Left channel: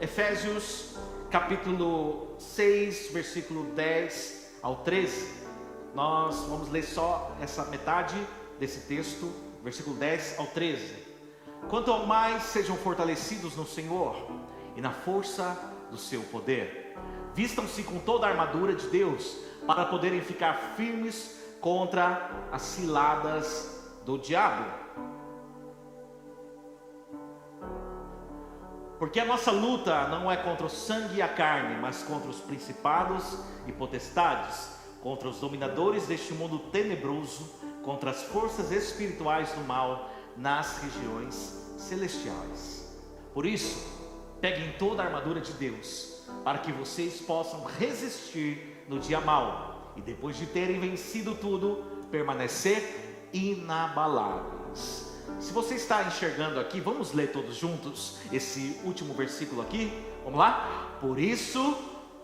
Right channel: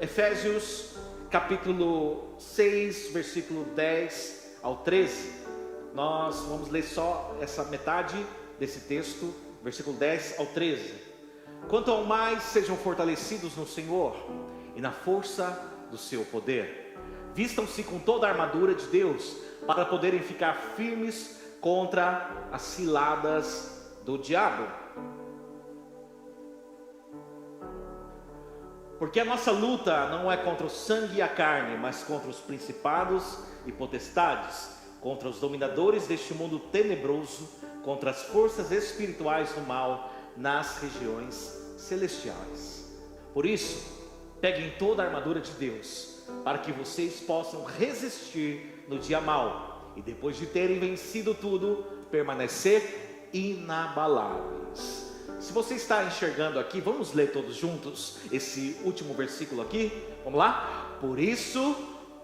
Efésios capítulo 6, versículo 10 ao 13. Nós vamos ler só essa metade desse texto, versículo 10 ao 13. Quanto ao mais, sejam fortalecidos no Senhor e na força do seu poder. Vistam-se com toda a armadura de Deus, para poderem ficar firmes contra as ciladas do diabo. Porque a nossa luta não é contra o sangue e a carne, mas contra os principados e potestades, contra os dominadores deste mundo tenebroso, contra as forças espirituais do mal nas regiões celestiais. Por isso, peguem toda a armadura de Deus, para que vocês possam resistir no dia mau, e depois de terem vencido tudo, permanecer inabaláveis. Se você está enxergando aqui, vamos ler todos juntos esse último versículo aqui, vamos lá? Por isso,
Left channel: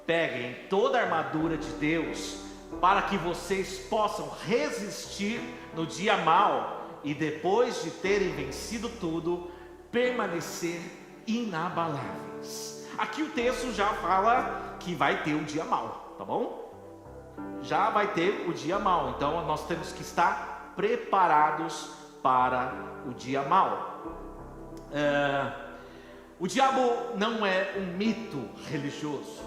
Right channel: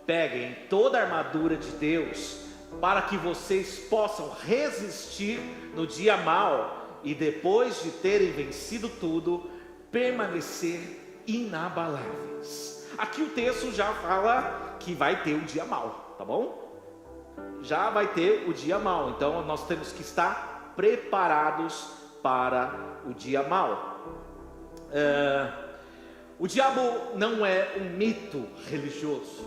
peguem toda a armadura de Deus, para que vocês possam resistir no dia mau, e depois de terem vencido tudo, permanecer inabaláveis. Aqui o texto já fala que vai ter o dia mau, tá bom? Já vai ter o dia mau, então nós temos que estar preparados para o dia mau. O diabo não é um mito religioso.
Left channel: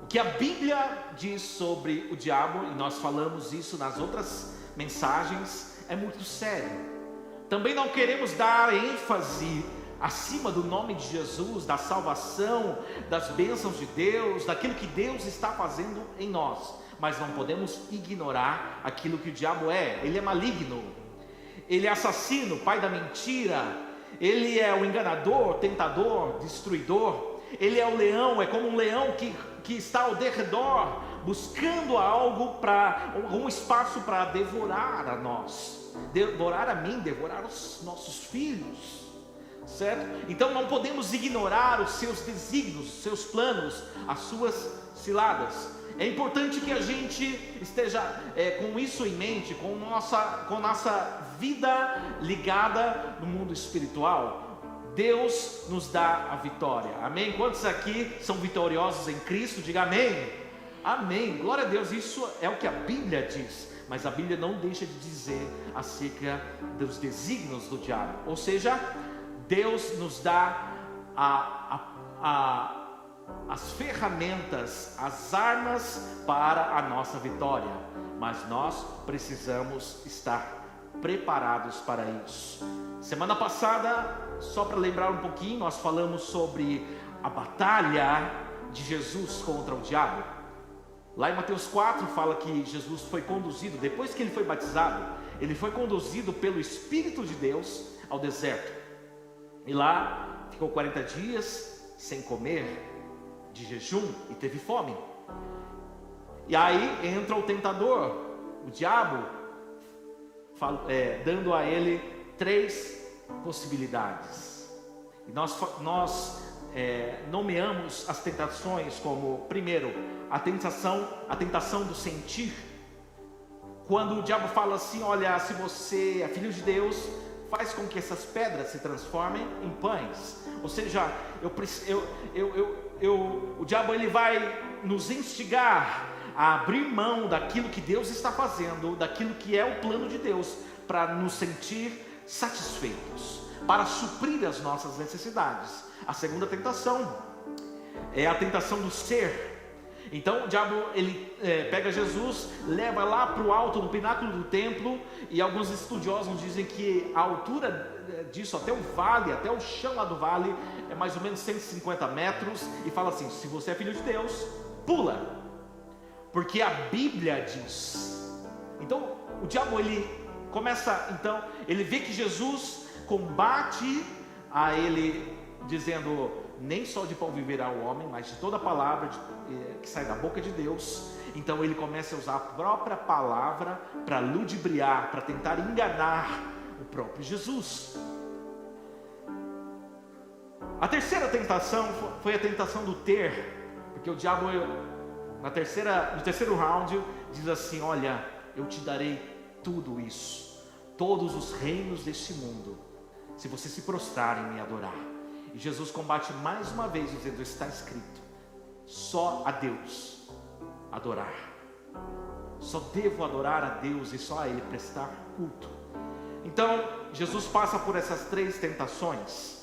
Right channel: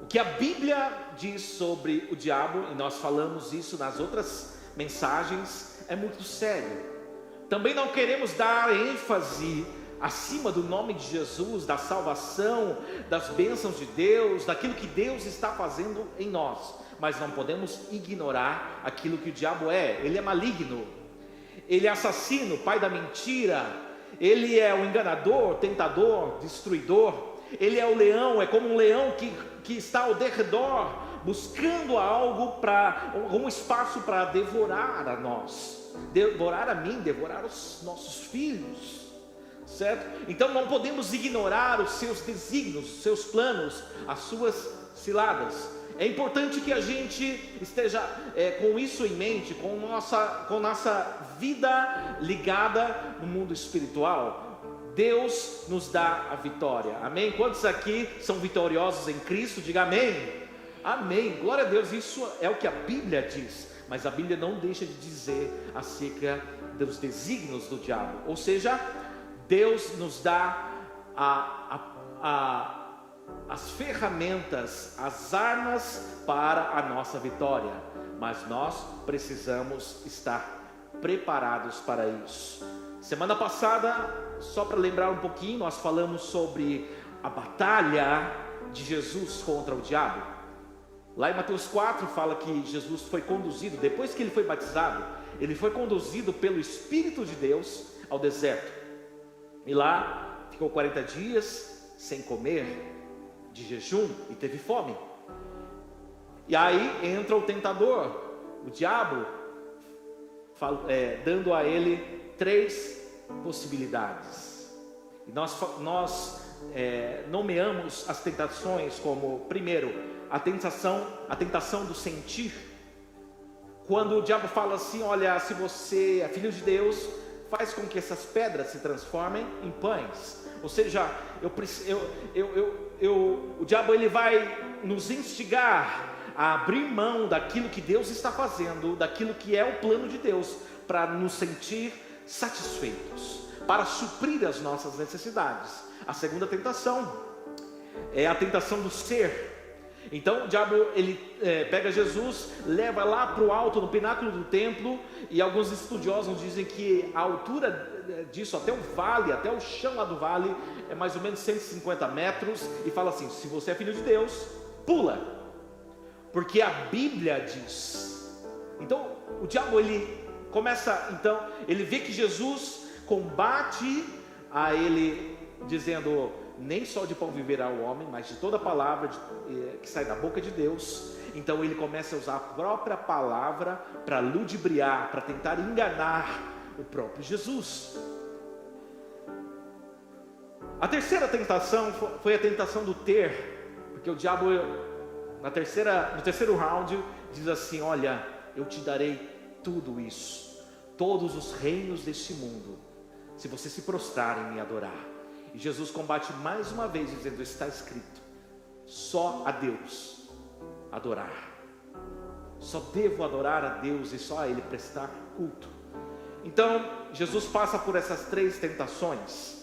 O que a Bíblia diz sobre o diabo, e nós falamos isso nas outras mensagens, é muito sério. Também não queremos dar ênfase acima do nome de Jesus, da salvação, das bênçãos de Deus, daquilo que Deus está fazendo em nós. Mas não podemos ignorar aquilo que o diabo é. Ele é maligno, ele é assassino, pai da mentira, ele é o enganador, tentador, destruidor. Ele é o leão, é como um leão que está ao derredor, buscando algo, um espaço para devorar a nós, devorar a mim, devorar os nossos filhos, certo? Então não podemos ignorar os seus desígnios, os seus planos, as suas ciladas. É importante que a gente esteja com isso em mente, com nossa vida ligada no mundo espiritual. Deus nos dá a vitória, amém? Quantos aqui são vitoriosos em Cristo? Diga amém. Amém, glória a Deus. Isso é o que a Bíblia diz, mas a Bíblia não deixa de dizer acerca dos desígnios do diabo. Ou seja, Deus nos dá as ferramentas, as armas para a nossa vitória, mas nós precisamos estar preparados para isso. Semana passada, só para lembrar um pouquinho, nós falamos sobre a batalha de Jesus contra o diabo. Lá em Mateus 4 fala que Jesus foi conduzido, depois que ele foi batizado, ele foi conduzido pelo Espírito de Deus ao deserto. E lá ficou 40 dias sem comer, de jejum, e teve fome. E aí entra o tentador, o diabo, dando a ele 3 possibilidades. E nós nomeamos as tentações como, primeiro, a tentação do sentir. Quando o diabo fala assim: olha, se você é filho de Deus, faz com que essas pedras se transformem em pães. Ou seja, o diabo ele vai nos instigar a abrir mão daquilo que Deus está fazendo, daquilo que é o plano de Deus, para nos sentir satisfeitos, para suprir as nossas necessidades. A segunda tentação é a tentação do ser. Então o diabo ele pega Jesus, leva lá para o alto, no pináculo do templo, e alguns estudiosos dizem que a altura disso até o vale, até o chão lá do vale, é mais ou menos 150 metros, e fala assim: se você é filho de Deus, pula, porque a Bíblia diz. Então o diabo ele começa, então ele vê que Jesus combate a ele, dizendo: nem só de pão viverá o homem, mas de toda palavra que sai da boca de Deus. Então ele começa a usar a própria palavra para ludibriar, para tentar enganar o próprio Jesus. A terceira tentação foi a tentação do ter, porque o diabo no terceiro round diz assim: olha, eu te darei tudo isso, todos os reinos deste mundo, se você se prostrar em me adorar. E Jesus combate mais uma vez, dizendo: está escrito, só a Deus adorar. Só devo adorar a Deus e só a Ele prestar culto. Então, Jesus passa por essas 3 tentações.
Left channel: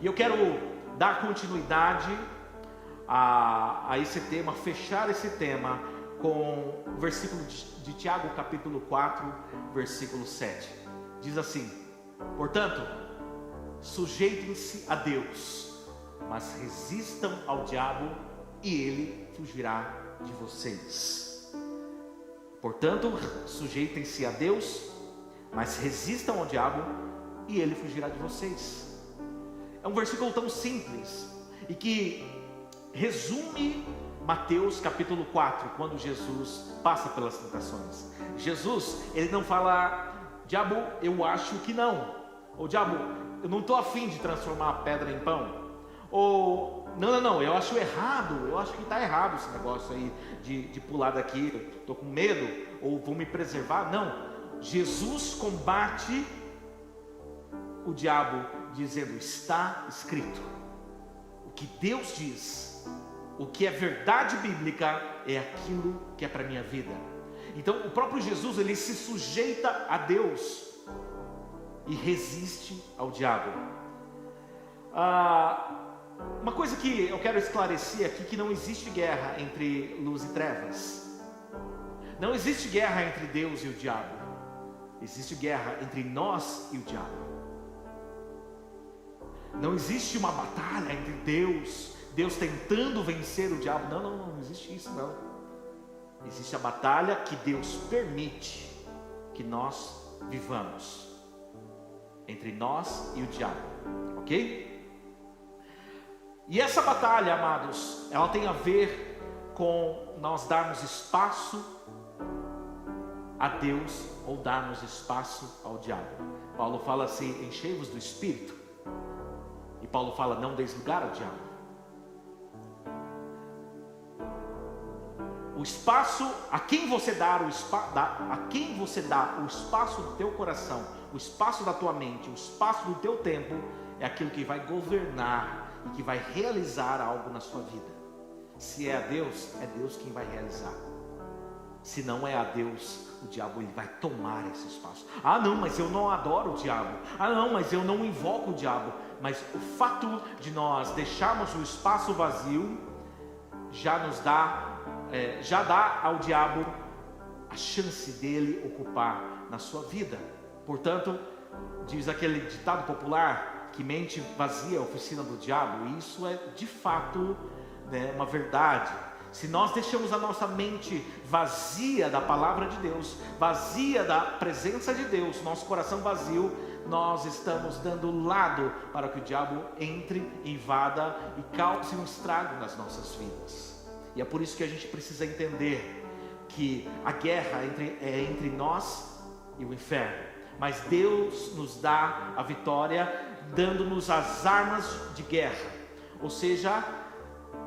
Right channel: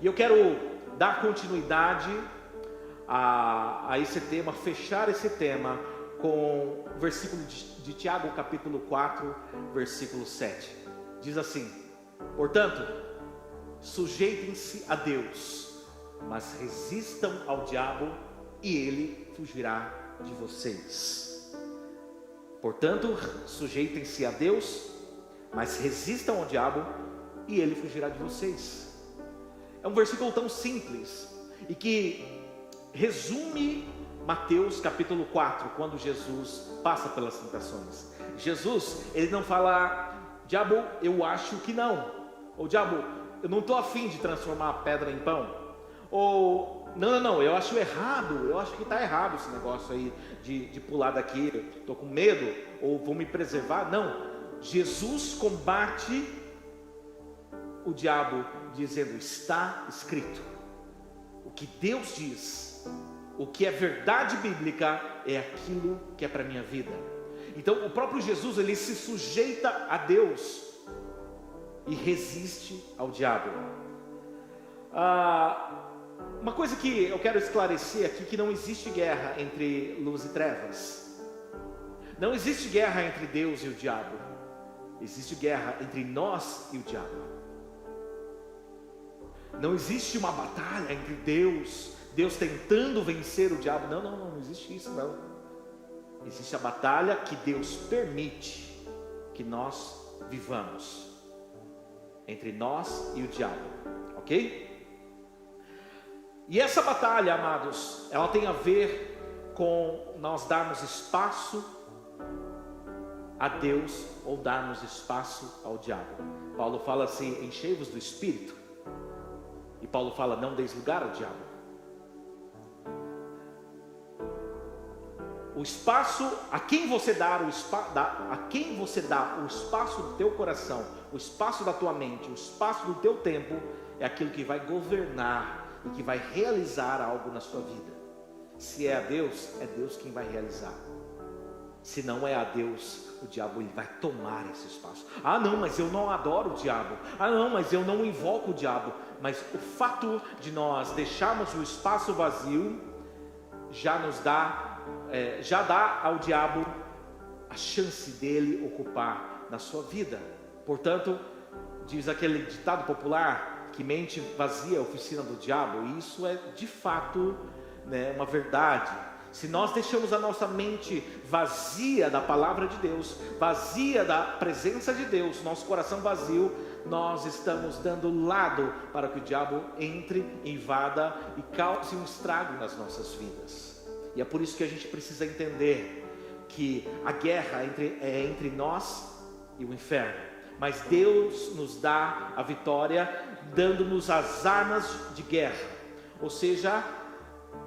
E eu quero dar continuidade a esse tema, fechar esse tema com o versículo de Tiago, capítulo 4, versículo 7. Diz assim: portanto, sujeitem-se a Deus, mas resistam ao diabo e ele fugirá de vocês. Portanto, sujeitem-se a Deus, mas resistam ao diabo e ele fugirá de vocês. É um versículo tão simples e que resume Mateus capítulo 4, quando Jesus passa pelas tentações. Jesus, ele não fala: diabo, eu acho que não. Ou diabo, eu não estou afim de transformar a pedra em pão. Ou não, eu acho errado, eu acho que está errado esse negócio aí de pular daqui, estou com medo, ou vou me preservar. Não, Jesus combate o diabo dizendo: está escrito. O que Deus diz, o que é verdade bíblica, é aquilo que é para a minha vida. Então o próprio Jesus, ele se sujeita a Deus e resiste ao diabo. Uma coisa que eu quero esclarecer aqui, que não existe guerra entre luz e trevas. Não existe guerra entre Deus e o diabo. Existe guerra entre nós e o diabo. Não existe uma batalha entre Deus tentando vencer o diabo. Não existe isso não. Existe a batalha que Deus permite que nós vivamos, entre nós e o diabo, ok? E essa batalha, amados, ela tem a ver com nós darmos espaço a Deus ou darmos espaço ao diabo. Paulo fala assim: enchei-vos do Espírito. E Paulo fala: não deis lugar ao diabo. O espaço, a quem você dá o espaço do teu coração, o espaço da tua mente, o espaço do teu tempo, é aquilo que vai governar e que vai realizar algo na sua vida. Se é a Deus, é Deus quem vai realizar. Se não é a Deus, o diabo, ele vai tomar esse espaço. Ah não, mas eu não adoro o diabo. Ah não, mas eu não invoco o diabo. Mas o fato de nós deixarmos o espaço vazio já dá ao diabo a chance dele ocupar na sua vida. Portanto, diz aquele ditado popular, que mente vazia é a oficina do diabo. E isso é de fato, uma verdade. Se nós deixamos a nossa mente vazia da palavra de Deus, vazia da presença de Deus, nosso coração vazio, nós estamos dando lado para que o diabo entre, invada e cause um estrago nas nossas vidas. E é por isso que a gente precisa entender que a guerra é entre nós e o inferno. Mas Deus nos dá a vitória, dando-nos as armas de guerra. Ou seja,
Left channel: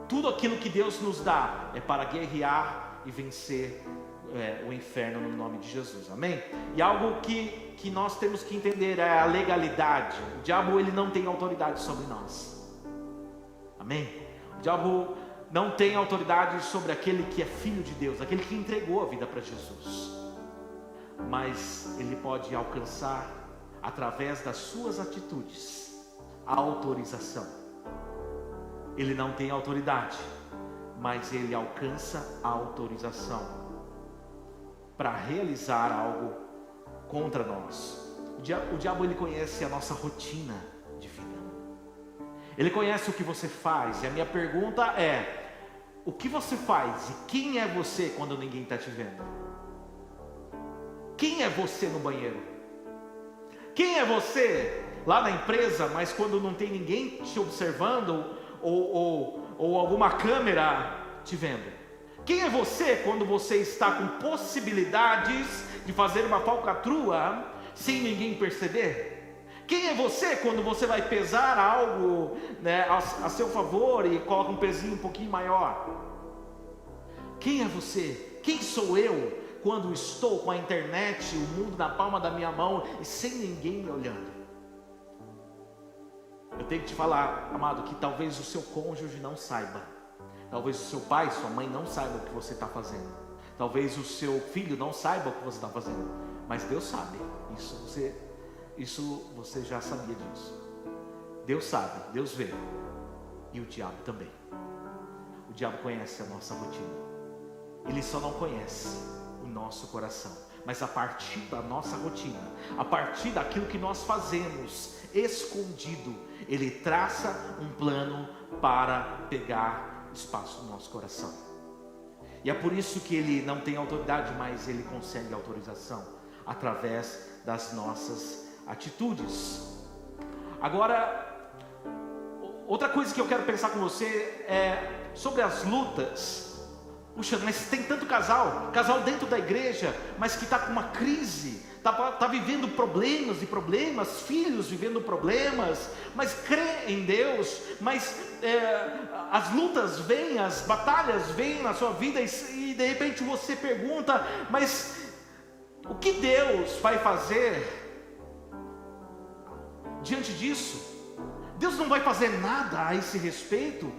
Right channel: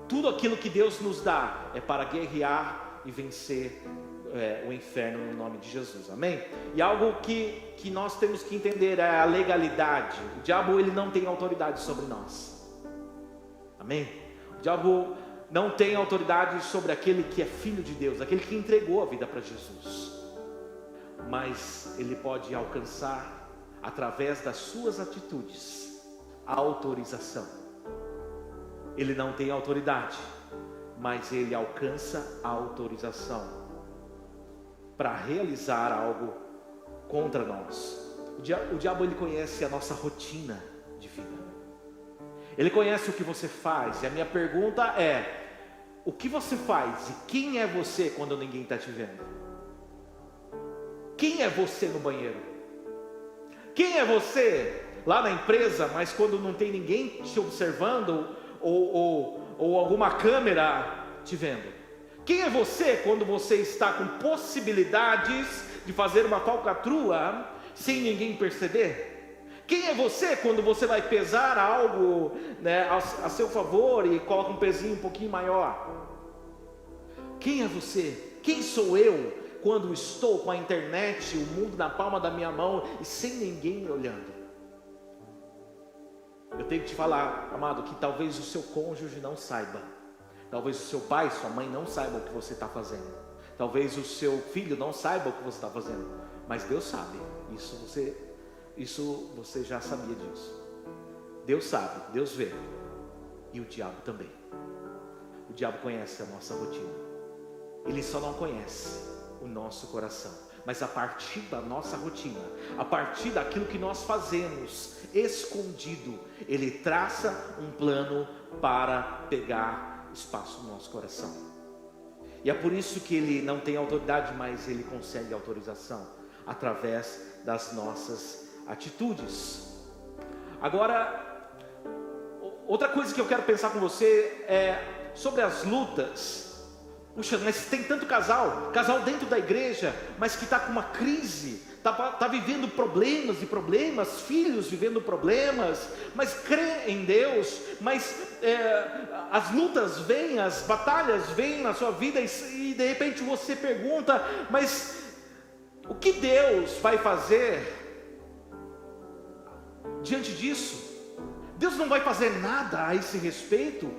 tudo aquilo que Deus nos dá é para guerrear e vencer o inferno no nome de Jesus, amém? E algo que nós temos que entender é a legalidade. O diabo, ele não tem autoridade sobre nós, amém? O diabo não tem autoridade sobre aquele que é filho de Deus, aquele que entregou a vida para Jesus. Mas ele pode alcançar, através das suas atitudes, a autorização. Ele não tem autoridade, mas ele alcança a autorização para realizar algo contra nós. O diabo, ele conhece a nossa rotina de vida. Ele conhece o que você faz. E a minha pergunta é: o que você faz? E quem é você quando ninguém está te vendo? Quem é você no banheiro? Quem é você lá na empresa, mas quando não tem ninguém te observando ou alguma câmera te vendo? Quem é você quando você está com possibilidades de fazer uma falcatrua sem ninguém perceber? Quem é você quando você vai pesar algo, a seu favor e coloca um pezinho um pouquinho maior? Quem é você? Quem sou eu quando estou com a internet, o mundo na palma da minha mão e sem ninguém me olhando? Eu tenho que te falar, amado, que talvez o seu cônjuge não saiba. Talvez o seu pai, sua mãe não saiba o que você está fazendo. Talvez o seu filho não saiba o que você está fazendo. Mas Deus sabe. Isso você já sabia disso. Deus sabe, Deus vê. E o diabo também. O diabo conhece a nossa rotina. Ele só não conhece o nosso coração. Mas a partir da nossa rotina, a partir daquilo que nós fazemos escondido, ele traça um plano para pegar espaço no nosso coração. E é por isso que ele não tem autoridade, mas ele consegue autorização através das nossas atitudes. Agora, outra coisa que eu quero pensar com você é sobre as lutas. Puxa, mas tem tanto casal dentro da igreja, mas que está com uma crise, está vivendo problemas e problemas, filhos vivendo problemas, mas crê em Deus, mas as lutas vêm, as batalhas vêm na sua vida e de repente você pergunta, mas o que Deus vai fazer diante disso? Deus não vai fazer nada a esse respeito?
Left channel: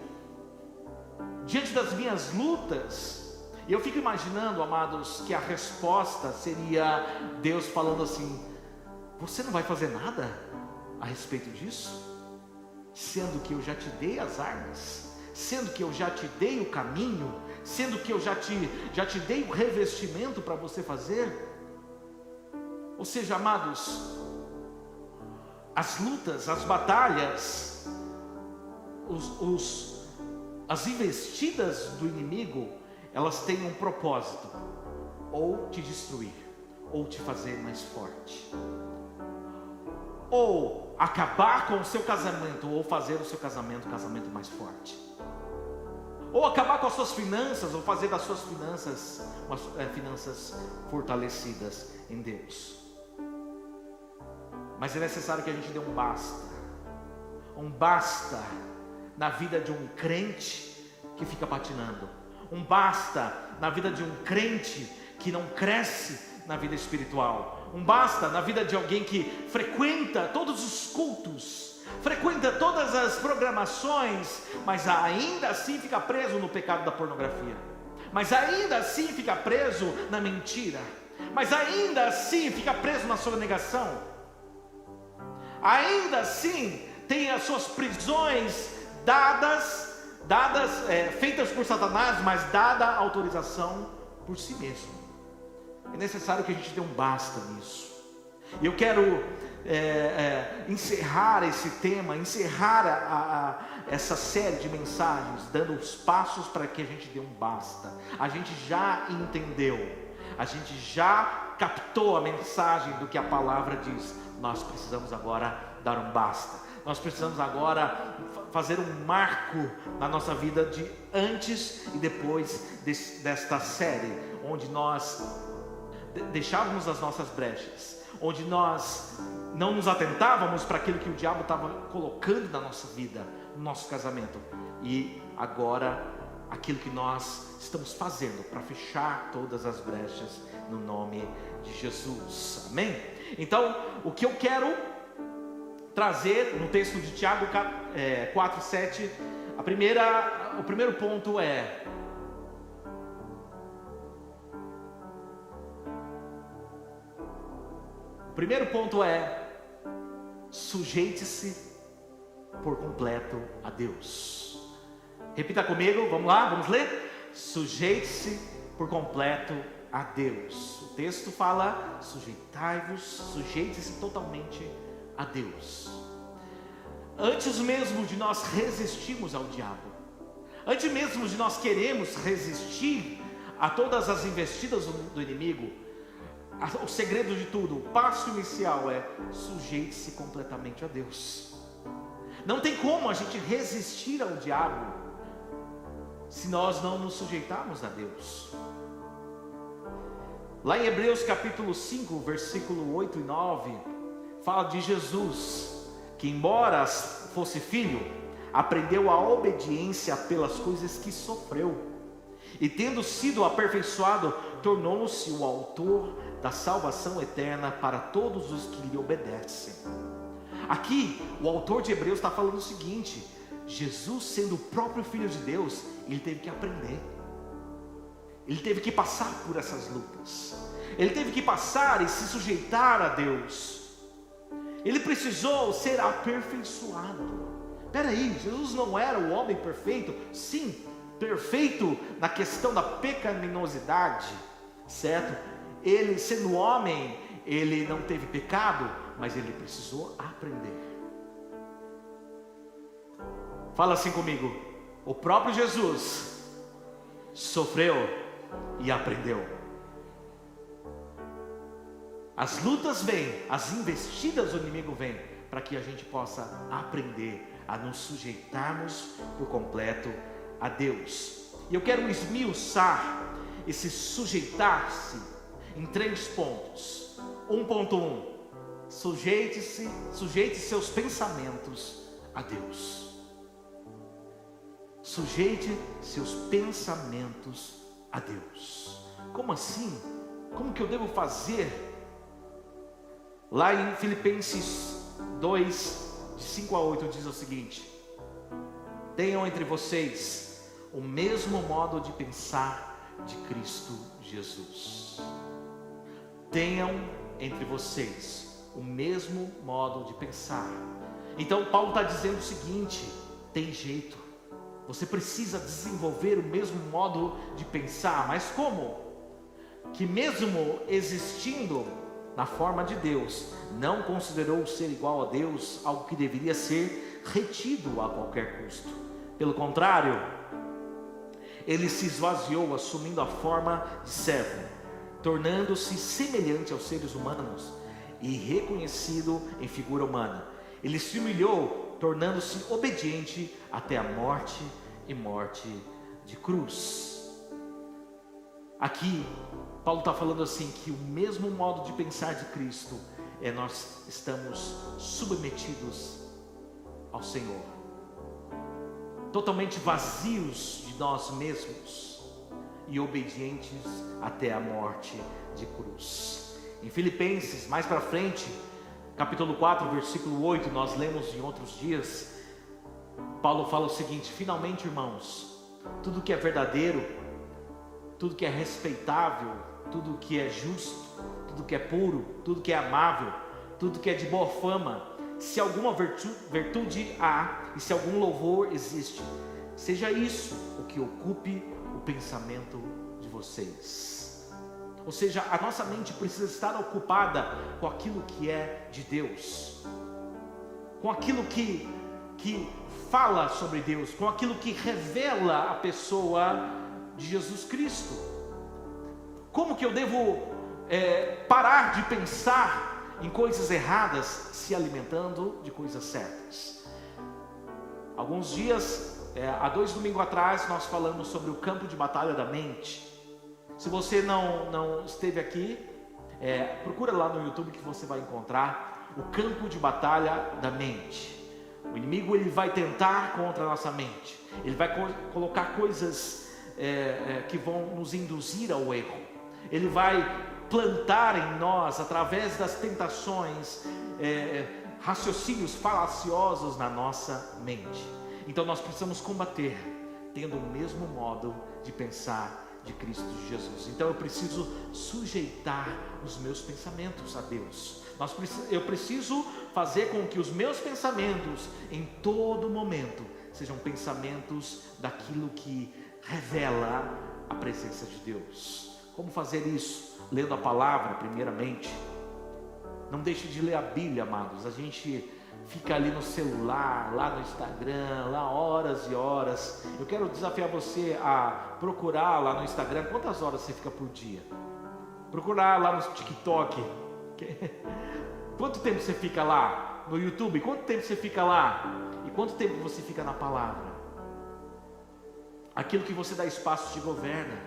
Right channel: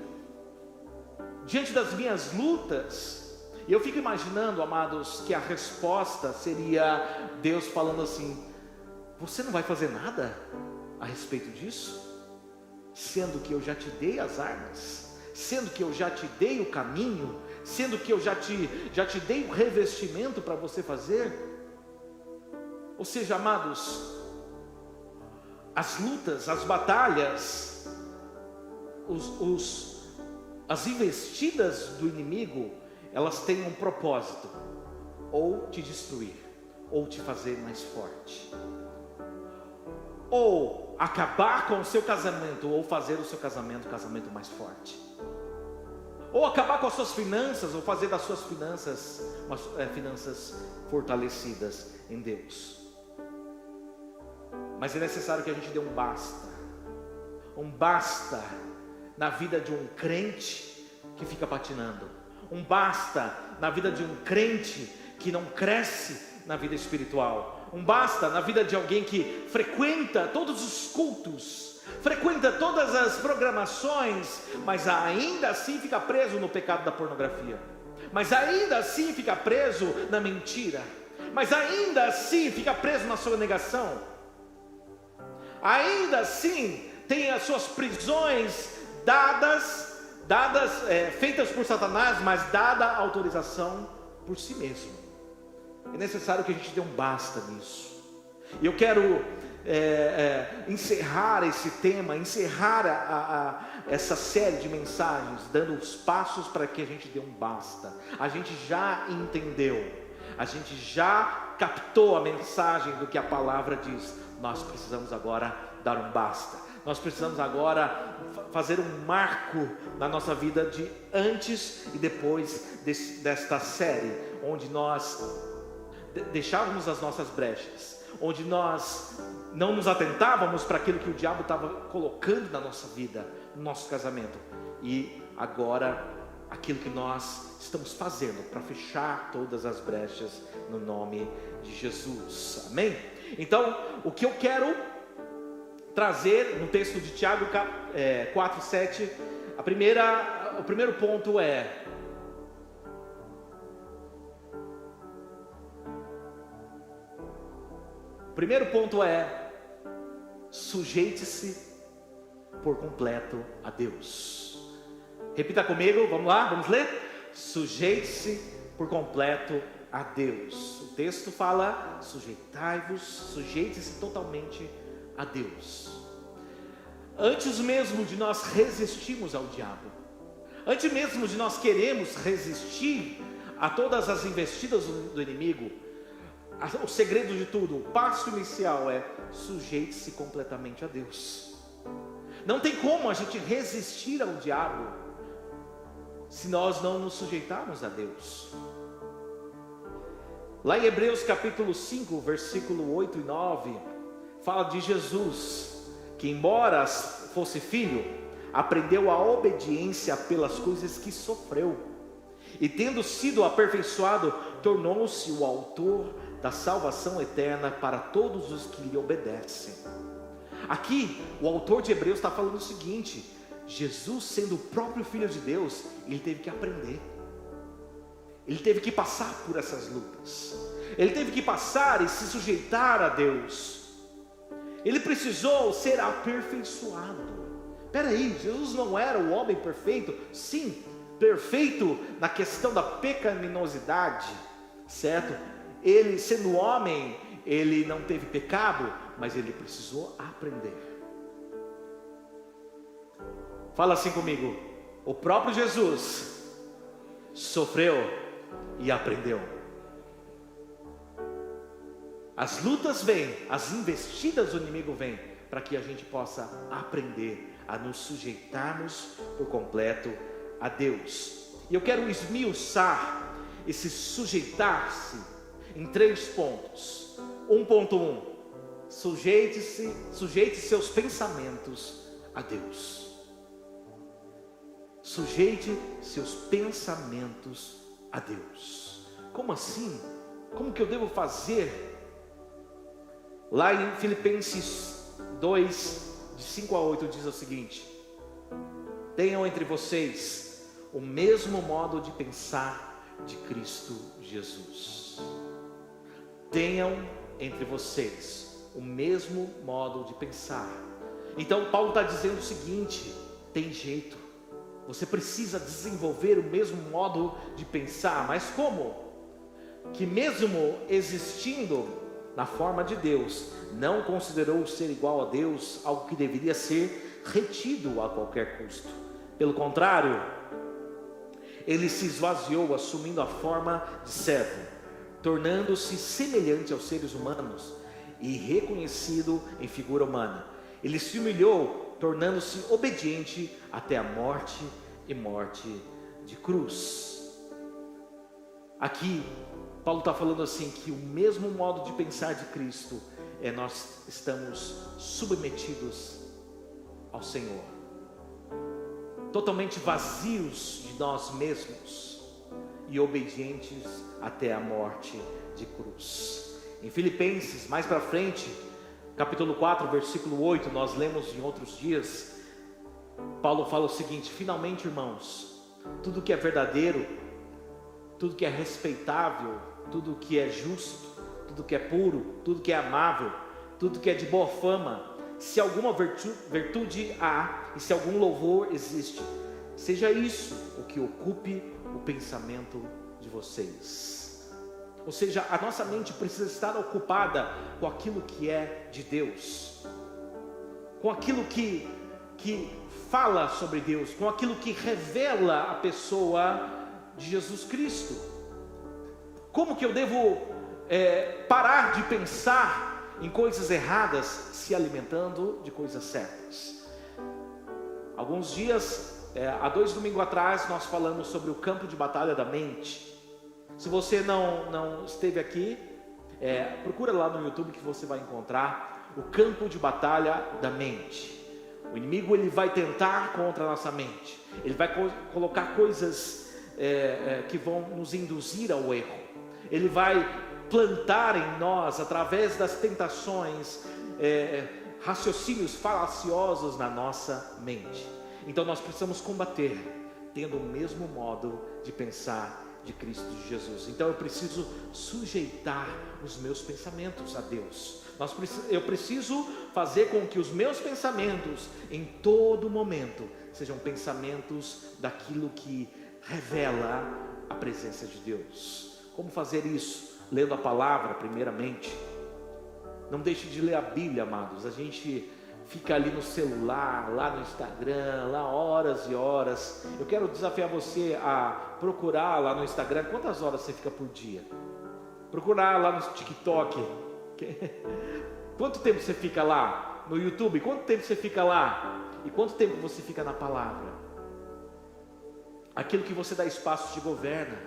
Diante das minhas lutas, e eu fico imaginando, amados, que a resposta seria Deus falando assim: você não vai fazer nada a respeito disso? Sendo que eu já te dei as armas, sendo que eu já te dei o caminho, sendo que eu já te dei o revestimento para você fazer. Ou seja, amados, as lutas, as batalhas, as investidas do inimigo, elas têm um propósito: ou te destruir, ou te fazer mais forte, ou acabar com o seu casamento, ou fazer o seu casamento mais forte, ou acabar com as suas finanças, ou fazer das suas finanças finanças fortalecidas em Deus. Mas é necessário que a gente dê um basta na vida de um crente que fica patinando, um basta na vida de um crente que não cresce na vida espiritual, um basta na vida de alguém que frequenta todos os cultos, frequenta todas as programações, mas ainda assim fica preso no pecado da pornografia, mas ainda assim fica preso na mentira, mas ainda assim fica preso na sua negação, ainda assim tem as suas prisões feitas por Satanás, mas dada a autorização por si mesmo. É necessário que a gente dê um basta nisso. E eu quero encerrar esse tema, essa série de mensagens, dando os passos para que a gente dê um basta. A gente já entendeu, a gente já captou a mensagem do que a palavra diz. Nós precisamos agora dar um basta. Nós precisamos agora fazer um marco na nossa vida de antes e depois desta série, onde nós deixávamos as nossas brechas, onde nós não nos atentávamos para aquilo que o diabo estava colocando na nossa vida, no nosso casamento, e agora aquilo que nós estamos fazendo para fechar todas as brechas no nome de Jesus, amém? Então, o que eu quero trazer no texto de Tiago 4:7, o primeiro ponto é sujeite-se por completo a Deus. Repita comigo, vamos lá, vamos ler? Sujeite-se por completo a Deus. O texto fala: sujeitai-vos, sujeite-se totalmente a Deus. Antes mesmo de nós resistirmos ao diabo, antes mesmo de nós queremos resistir a todas as investidas do inimigo, o segredo de tudo, o passo inicial é: sujeite-se completamente a Deus. Não tem como a gente resistir ao diabo se nós não nos sujeitarmos a Deus. Lá em Hebreus capítulo 5, versículo 8 e 9, fala de Jesus, que embora fosse filho, aprendeu a obediência pelas coisas que sofreu, e tendo sido aperfeiçoado, tornou-se o autor da salvação eterna para todos os que lhe obedecem. Aqui, o autor de Hebreus está falando o seguinte: Jesus, sendo o próprio Filho de Deus, ele teve que aprender. Ele teve que passar por essas lutas. Ele teve que passar e se sujeitar a Deus. Ele precisou ser aperfeiçoado. Espera aí, Jesus não era o homem perfeito? Sim, perfeito na questão da pecaminosidade, certo? Ele, sendo homem, ele não teve pecado, mas ele precisou aprender. Fala assim comigo: o próprio Jesus sofreu e aprendeu. As lutas vêm, as investidas do inimigo vêm, para que a gente possa aprender a nos sujeitarmos por completo a Deus. E eu quero esmiuçar esse sujeitar-se em 3 pontos. 1.1: sujeite seus pensamentos a Deus. Sujeite seus pensamentos a Deus. Como assim? Como que eu devo fazer? Lá em Filipenses 2, de 5 a 8, diz o seguinte: tenham entre vocês o mesmo modo de pensar de Cristo Jesus. Tenham entre vocês o mesmo modo de pensar. Então Paulo está dizendo o seguinte: tem jeito, você precisa desenvolver o mesmo modo de pensar. Mas como? Que mesmo existindo na forma de Deus, não considerou ser igual a Deus algo que deveria ser retido a qualquer custo. Pelo contrário, ele se esvaziou, assumindo a forma de servo, tornando-se semelhante aos seres humanos e reconhecido em figura humana. Ele se humilhou, tornando-se obediente até a morte e morte de cruz. Aqui Paulo está falando assim, que o mesmo modo de pensar de Cristo nós estamos submetidos ao Senhor, totalmente vazios de nós mesmos e obedientes até a morte de cruz. Em Filipenses, mais para frente, capítulo 4, versículo 8, nós lemos em outros dias, Paulo fala o seguinte: finalmente, irmãos, tudo que é verdadeiro, tudo que é respeitável, tudo que é justo, tudo que é puro, tudo que é amável, tudo que é de boa fama, se alguma virtude há e se algum louvor existe, seja isso o que ocupe o pensamento de vocês. Ou seja, a nossa mente precisa estar ocupada com aquilo que é de Deus, com aquilo que fala sobre Deus, com aquilo que revela a pessoa de Jesus Cristo. Como que eu devo parar de pensar em coisas erradas, se alimentando de coisas certas? Alguns dias, há 2 domingos atrás, nós falamos sobre o campo de batalha da mente. Se você não esteve aqui, procura lá no YouTube que você vai encontrar o campo de batalha da mente. O inimigo, ele vai tentar contra a nossa mente. Ele vai colocar coisas que vão nos induzir ao erro. Ele vai plantar em nós, através das tentações, raciocínios falaciosos na nossa mente. Então nós precisamos combater, tendo o mesmo modo de pensar de Cristo Jesus. Então eu preciso sujeitar os meus pensamentos a Deus. Eu preciso fazer com que os meus pensamentos, em todo momento, sejam pensamentos daquilo que revela a presença de Deus. Como fazer isso? Lendo a palavra, primeiramente. Não deixe de ler a Bíblia, amados. A gente fica ali no celular, lá no Instagram, lá horas e horas. Eu quero desafiar você a procurar lá no Instagram. Quantas horas você fica por dia? Procurar lá no TikTok. Quanto tempo você fica lá? No YouTube, quanto tempo você fica lá? E quanto tempo você fica na palavra? Aquilo que você dá espaço te governa.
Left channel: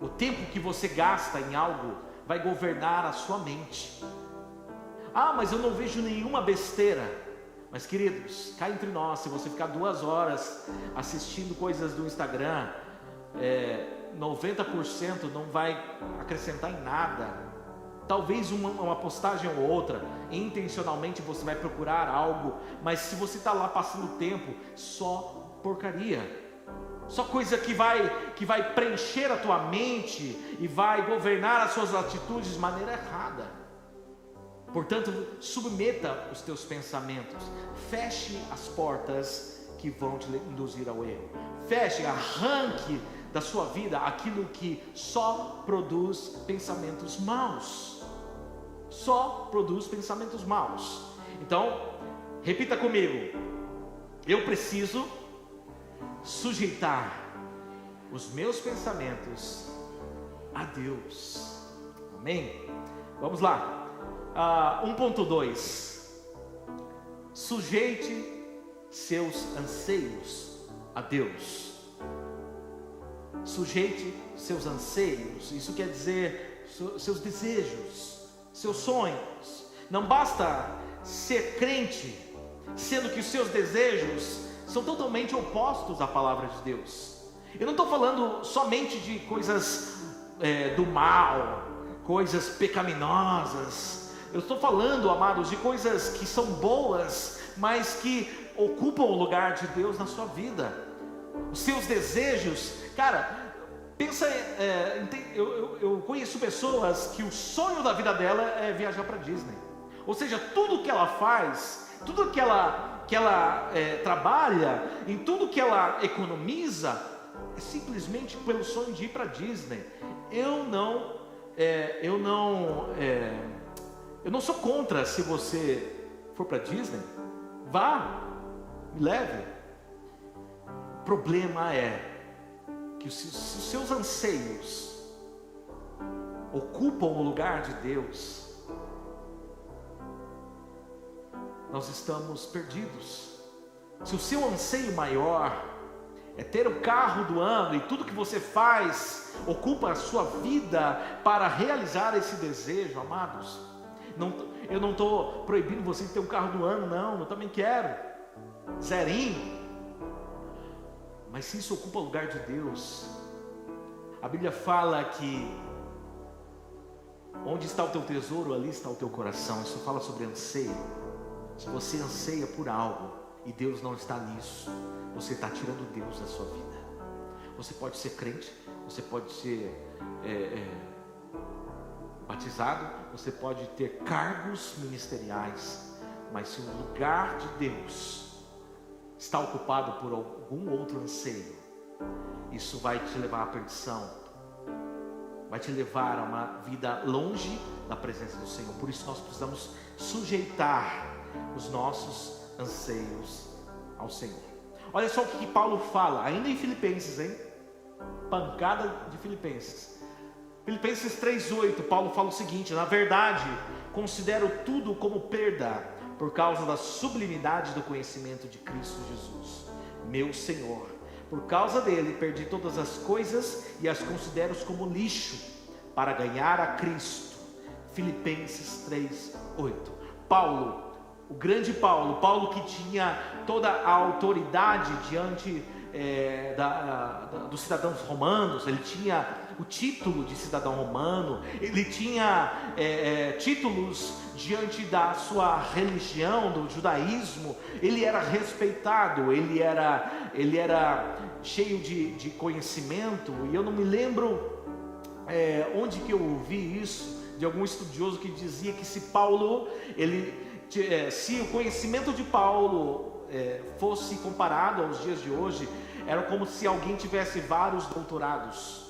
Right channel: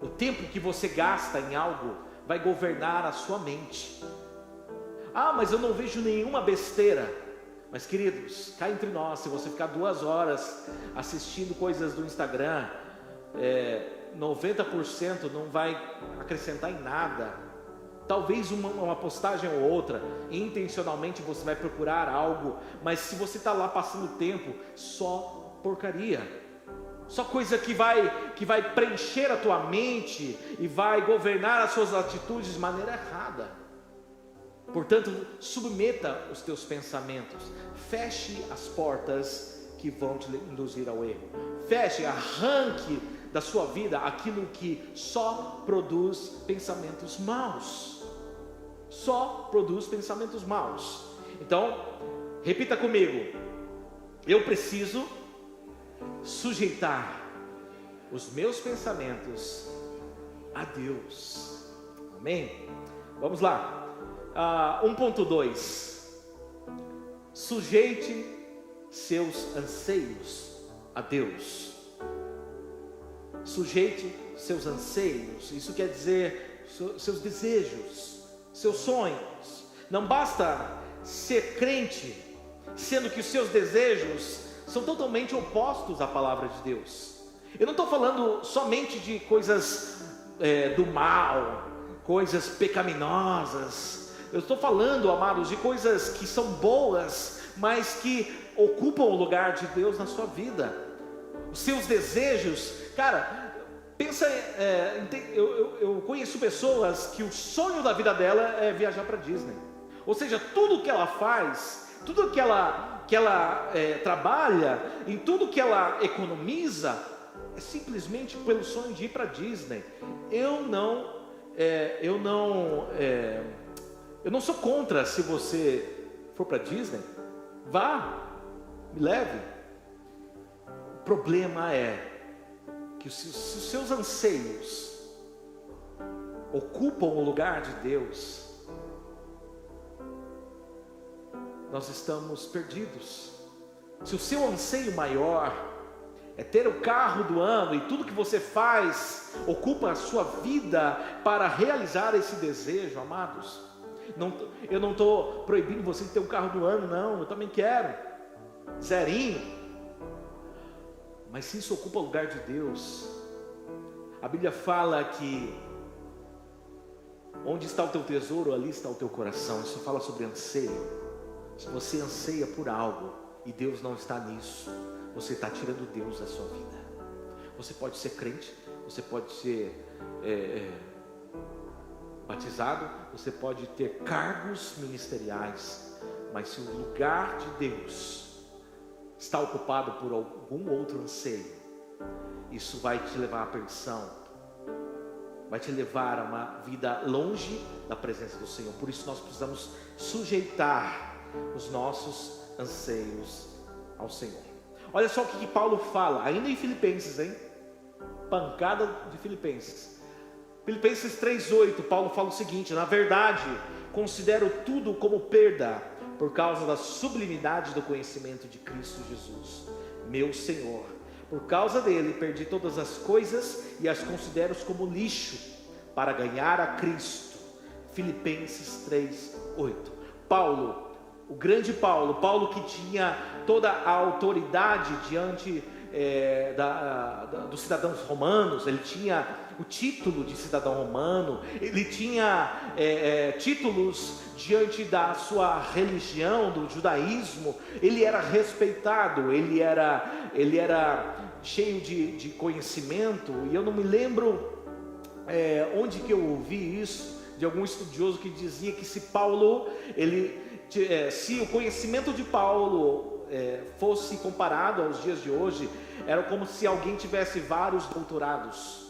O tempo que você gasta em algo vai governar a sua mente. Ah, mas eu não vejo nenhuma besteira. Mas queridos, cá entre nós, se você ficar 2 horas assistindo coisas do Instagram, 90% não vai acrescentar em nada. Talvez uma postagem ou outra, intencionalmente você vai procurar algo, mas se você está lá passando o tempo, só porcaria, só coisa que vai preencher a tua mente e vai governar as suas atitudes de maneira errada. Portanto, submeta os teus pensamentos, feche as portas que vão te induzir ao erro, feche, arranque da sua vida aquilo que só produz pensamentos maus, só produz pensamentos maus. Então, repita comigo: eu preciso sujeitar os meus pensamentos a Deus. Amém? Vamos lá. 1.2: sujeite seus anseios a Deus. Sujeite seus anseios, isso quer dizer seus desejos, seus sonhos. Não basta ser crente, sendo que os seus desejos são totalmente opostos à palavra de Deus. Eu não estou falando somente de coisas do mal, coisas pecaminosas. Eu estou falando, amados, de coisas que são boas, mas que ocupam o lugar de Deus na sua vida. Os seus desejos, cara, pensa, eu conheço pessoas que o sonho da vida dela é viajar para Disney. Ou seja, tudo que ela faz, tudo que ela trabalha, em tudo que ela economiza, é simplesmente pelo sonho de ir para Disney. Eu não sou contra. Se você for para Disney, vá, me leve. O problema é que se os seus anseios ocupam o lugar de Deus, nós estamos perdidos. Se o seu anseio maior é ter o carro do ano e tudo que você faz ocupa a sua vida para realizar esse desejo, amados, eu não estou proibindo você de ter um carro do ano, não, eu também quero, zerinho. Mas se isso ocupa o lugar de Deus, a Bíblia fala que onde está o teu tesouro, ali está o teu coração. Isso fala sobre anseio. Se você anseia por algo e Deus não está nisso, você está tirando Deus da sua vida. Você pode ser crente, você pode ser batizado, você pode ter cargos ministeriais, mas se o lugar de Deus está ocupado por algum outro anseio, isso vai te levar à perdição, vai te levar a uma vida longe da presença do Senhor. Por isso nós precisamos sujeitar os nossos anseios ao Senhor. Olha só o que Paulo fala, ainda em Filipenses, pancada de Filipenses. Filipenses 3:8, Paulo fala o seguinte: na verdade, considero tudo como perda, por causa da sublimidade do conhecimento de Cristo Jesus, meu Senhor. Por causa dele, perdi todas as coisas e as considero como lixo, para ganhar a Cristo. Filipenses 3:8. Paulo, o grande Paulo que tinha toda a autoridade diante dos cidadãos romanos, ele tinha o título de cidadão romano, ele tinha títulos diante da sua religião, do judaísmo, ele era respeitado, ele era cheio de conhecimento, e eu não me lembro onde que eu ouvi isso, de algum estudioso que dizia que se o conhecimento de Paulo fosse comparado aos dias de hoje, era como se alguém tivesse vários doutorados,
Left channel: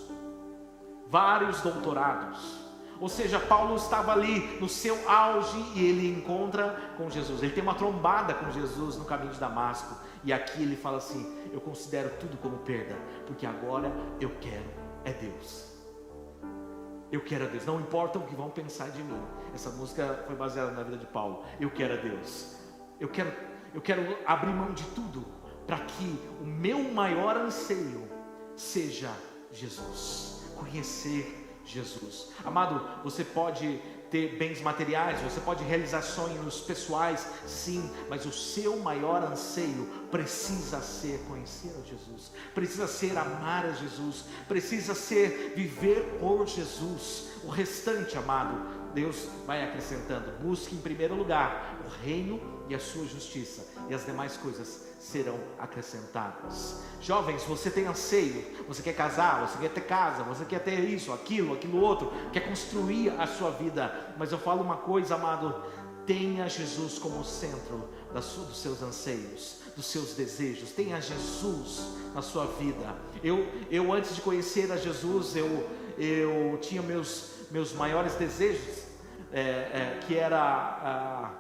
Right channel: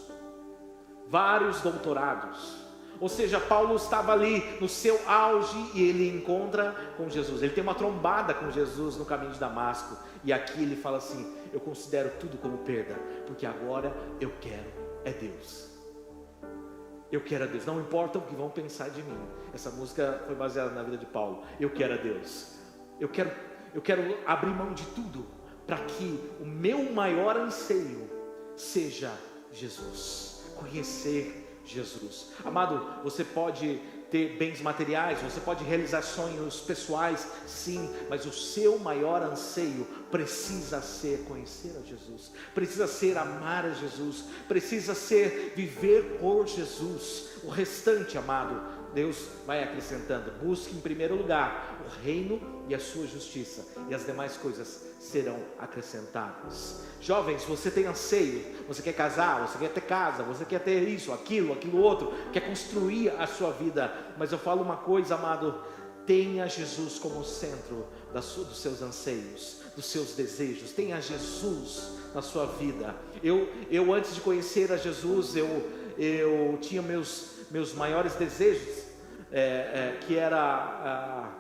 ou seja, Paulo estava ali no seu auge e ele encontra com Jesus, ele tem uma trombada com Jesus no caminho de Damasco, e aqui ele fala assim: eu considero tudo como perda, porque agora eu quero Deus. Eu quero a Deus, não importa o que vão pensar de mim. Essa música foi baseada na vida de Paulo. Eu quero a Deus, eu quero abrir mão de tudo, para que o meu maior anseio seja Jesus, conhecer Jesus. Amado, você pode ter bens materiais, você pode realizar sonhos pessoais, sim, mas o seu maior anseio precisa ser conhecer a Jesus, precisa ser amar a Jesus, precisa ser viver por Jesus. O restante, amado, Deus vai acrescentando. Busque em primeiro lugar o reino e a sua justiça, e as demais coisas serão acrescentadas. Jovens, você tem anseio, você quer casar, você quer ter casa, você quer ter isso, aquilo outro, quer construir a sua vida. Mas eu falo uma coisa, amado: tenha Jesus como centro dos seus anseios, dos seus desejos. Tenha Jesus na sua vida. Eu antes de conhecer a Jesus, eu tinha meus maiores desejos, que era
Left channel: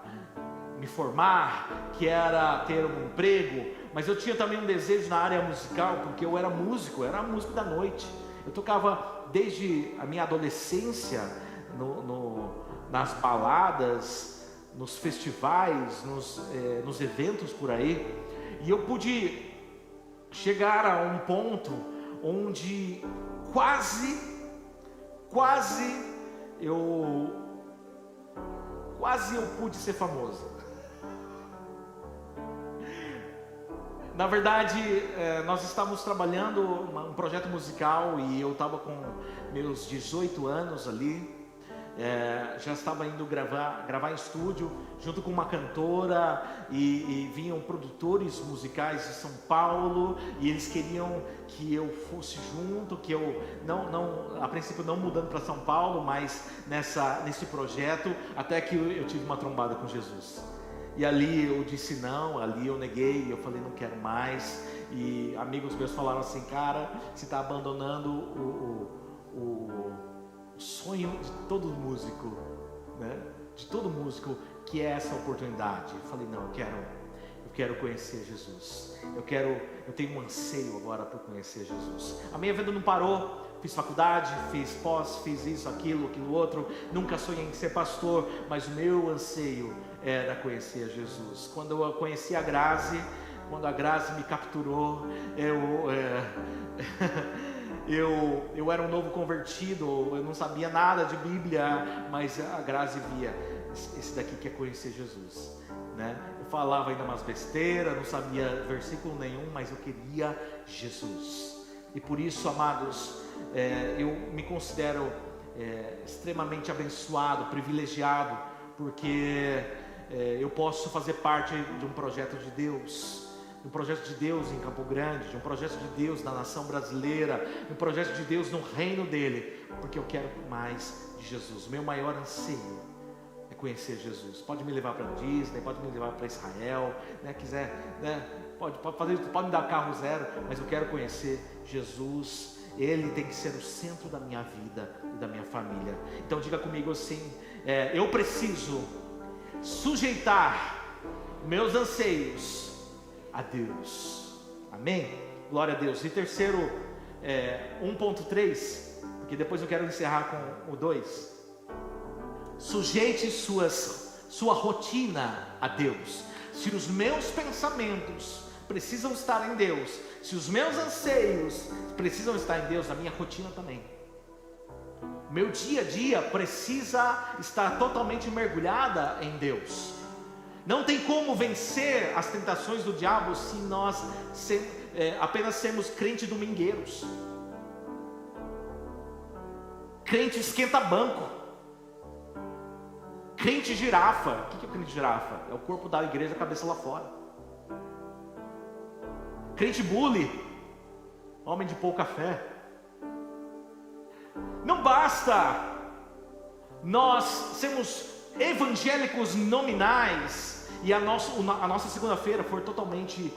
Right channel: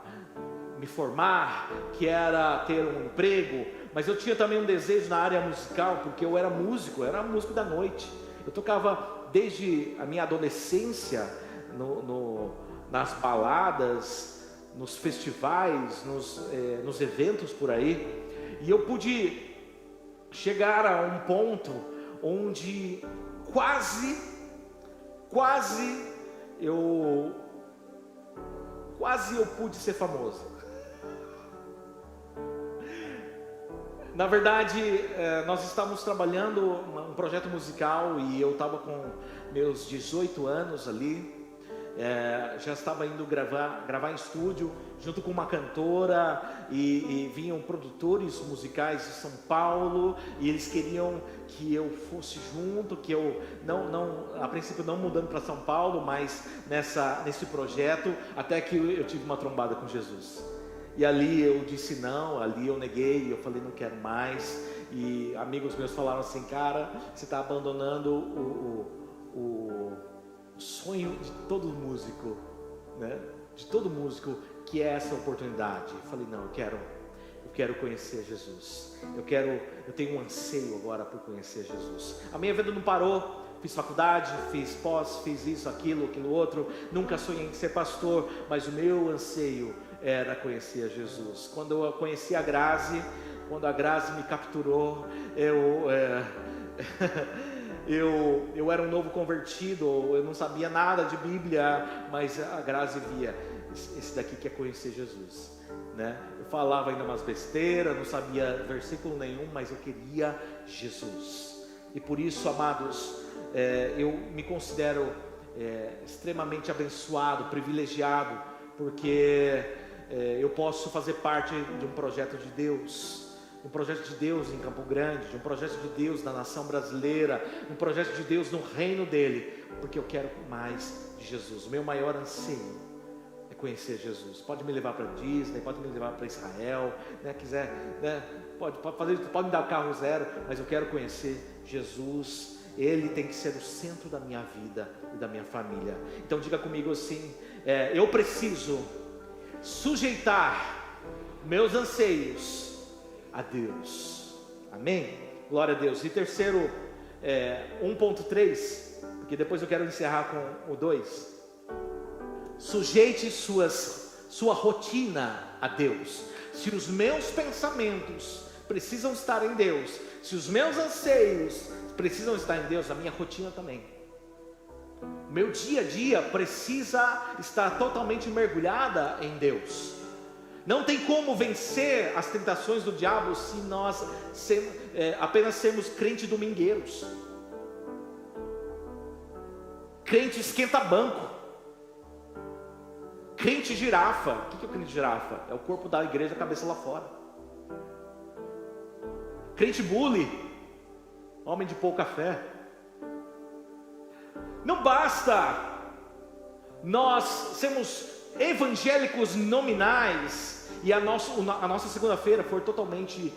me formar, que era ter um emprego. Mas eu tinha também um desejo na área musical, porque eu era músico da noite. Eu tocava desde a minha adolescência nas baladas, nos festivais, nos eventos por aí. E eu pude chegar a um ponto onde quase eu pude ser famoso. Na verdade, nós estávamos trabalhando um projeto musical, e eu estava com meus 18 anos ali. Já estava indo gravar em estúdio junto com uma cantora, e vinham produtores musicais de São Paulo, e eles queriam que eu fosse junto, que eu a princípio não mudando para São Paulo, mas nesse projeto, até que eu tive uma trombada com Jesus. E ali eu disse não, ali eu neguei, eu falei não quero mais. E amigos meus falaram assim: cara, você está abandonando o sonho de todo músico, né? De todo músico, que é essa oportunidade. Eu falei não, eu quero conhecer Jesus. Eu tenho um anseio agora por conhecer Jesus. A minha vida não parou. Fiz faculdade, fiz pós, fiz isso, aquilo outro. Nunca sonhei em ser pastor, mas o meu anseio era conhecer Jesus. Quando eu conheci a Grazi, quando a Grazi me capturou, eu era um novo convertido, eu não sabia nada de Bíblia, mas a Grazi via: esse daqui quer conhecer Jesus, né? Eu falava ainda umas besteiras, não sabia versículo nenhum, mas eu queria Jesus. E por isso, amados, eu me considero extremamente abençoado, privilegiado, porque eu posso fazer parte de um projeto de Deus. De um projeto de Deus em Campo Grande, de um projeto de Deus na nação brasileira, de um projeto de Deus no reino dele, porque eu quero mais de Jesus. O meu maior anseio é conhecer Jesus. Pode me levar para Disney, pode me levar para Israel, né? Quiser, né? Pode fazer isso, pode me dar carro zero, mas eu quero conhecer Jesus. Ele tem que ser o centro da minha vida e da minha família. Então diga comigo assim: eu preciso sujeitar meus anseios a Deus. Amém? Glória a Deus. E terceiro, 1.3, porque depois eu quero encerrar com o 2. Sujeite sua rotina a Deus. Se os meus pensamentos precisam estar em Deus, se os meus anseios precisam estar em Deus, a minha rotina também. O meu dia a dia precisa estar totalmente mergulhada em Deus. Não tem como vencer as tentações do diabo se nós apenas sermos crentes domingueiros, crente esquenta-banco, crente girafa. O que é o crente girafa? É o corpo da igreja, a cabeça lá fora. Crente bully, homem de pouca fé. Não basta nós sermos evangélicos nominais e a nossa segunda-feira for totalmente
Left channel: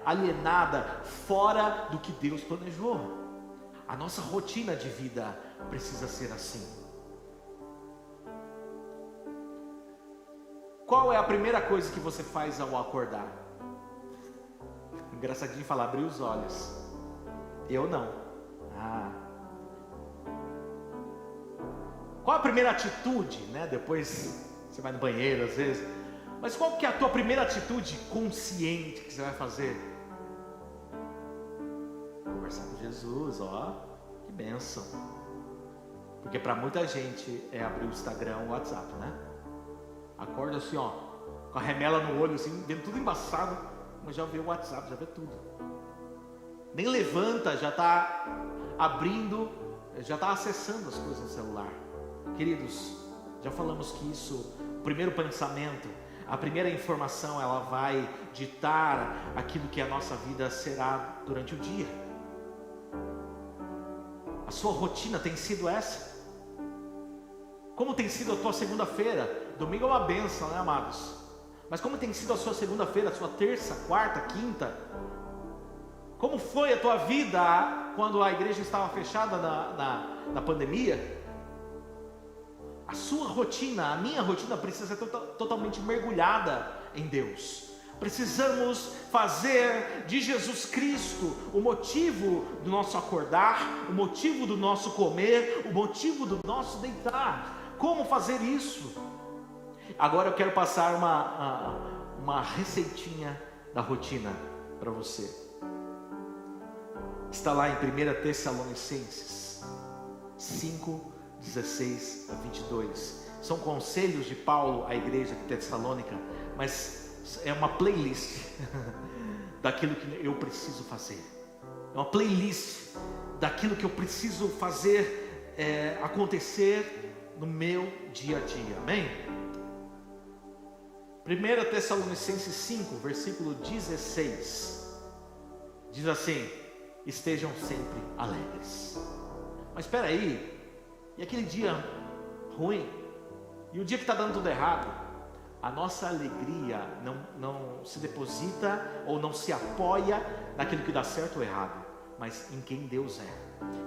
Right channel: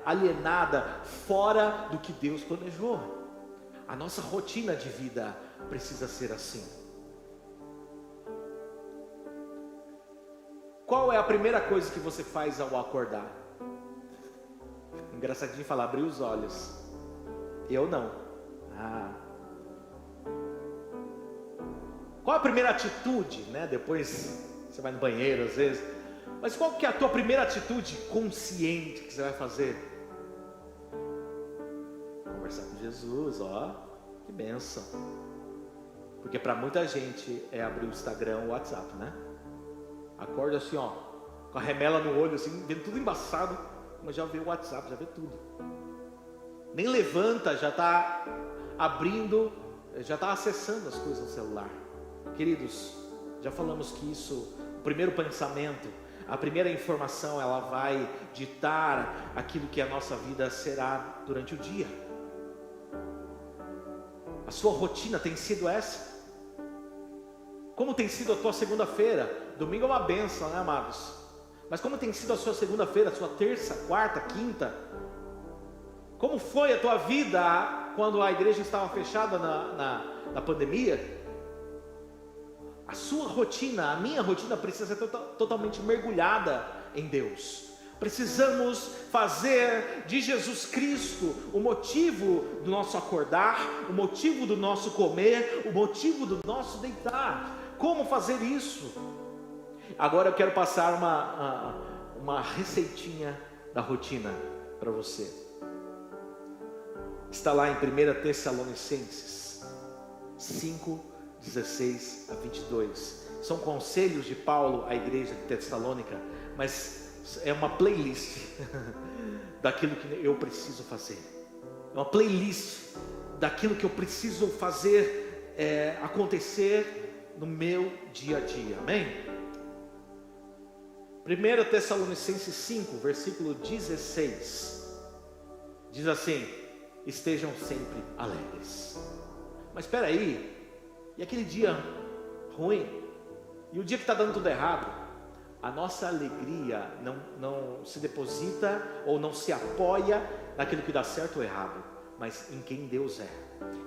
alienada, fora do que Deus planejou. A nossa rotina de vida precisa ser assim. Qual é a primeira coisa que você faz ao acordar? Engraçadinho falar, abrir os olhos. Eu não. Qual a primeira atitude, né? Depois você vai no banheiro às vezes. Mas qual que é a tua primeira atitude consciente que você vai fazer? Conversar com Jesus, ó. Que bênção. Porque para muita gente é abrir o Instagram, o WhatsApp, né? Acorda assim, ó, com a remela no olho, assim, vendo tudo embaçado, mas já vê o WhatsApp, já vê tudo. Nem levanta, já está abrindo, já está acessando as coisas no celular. Queridos, já falamos que isso, o primeiro pensamento, a primeira informação, ela vai ditar aquilo que a nossa vida será durante o dia. A sua rotina tem sido essa? Como tem sido a tua segunda-feira? Domingo é uma bênção, né, amados? Mas como tem sido a sua segunda-feira, a sua terça, quarta, quinta? Como foi a tua vida quando a igreja estava fechada na pandemia? A sua rotina, a minha rotina precisa ser totalmente mergulhada em Deus. Precisamos fazer de Jesus Cristo o motivo do nosso acordar, o motivo do nosso comer, o motivo do nosso deitar. Como fazer isso? Agora eu quero passar uma receitinha da rotina para você. Está lá em 1 Tessalonicenses 5, 16 a 22. São conselhos de Paulo à igreja de Tessalônica, mas é uma playlist daquilo que eu preciso fazer. É uma playlist daquilo que eu preciso fazer acontecer no meu dia a dia. Amém? 1 Tessalonicenses 5, versículo 16, diz assim: estejam sempre alegres. Mas espera aí, e aquele dia ruim, e o dia que está dando tudo errado? A nossa alegria não se deposita ou não se apoia naquilo que dá certo ou errado, mas em quem Deus é.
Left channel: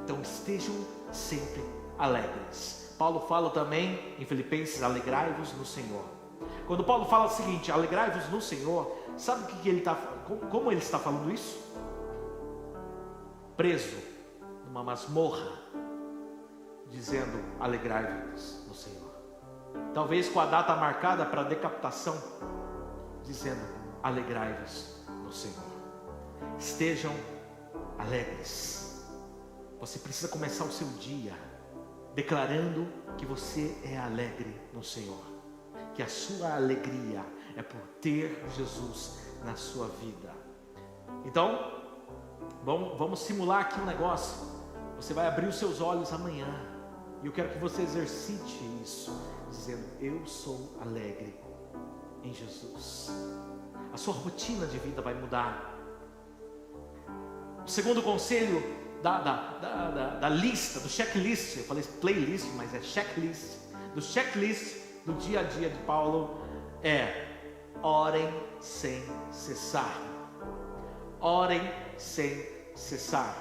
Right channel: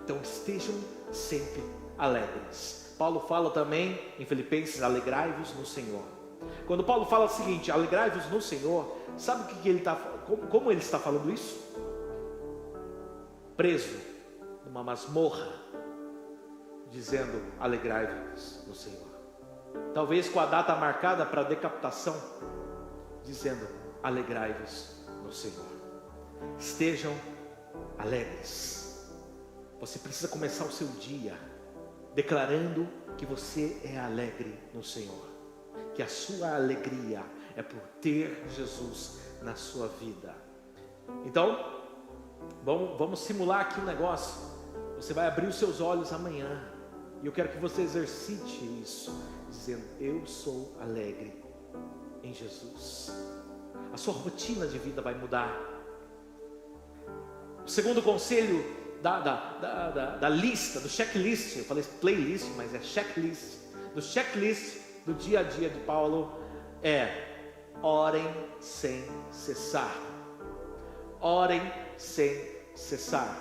Então estejam sempre alegres. Paulo fala também em Filipenses: alegrai-vos no Senhor. Quando Paulo fala o seguinte, alegrai-vos no Senhor, sabe o que ele está, como ele está falando isso? Preso numa masmorra, dizendo: alegrai-vos no Senhor. Talvez com a data marcada para a decapitação, dizendo: alegrai-vos no Senhor. Estejam alegres. Você precisa começar o seu dia declarando que você é alegre no Senhor, que a sua alegria é por ter Jesus na sua vida. Então, vamos simular aqui um negócio. Você vai abrir os seus olhos amanhã, e eu quero que você exercite isso, dizendo: eu sou alegre em Jesus. A sua rotina de vida vai mudar. O segundo conselho da lista, do checklist, eu falei playlist, mas é checklist, do checklist do dia a dia de Paulo é: orem sem cessar. Orem sem cessar.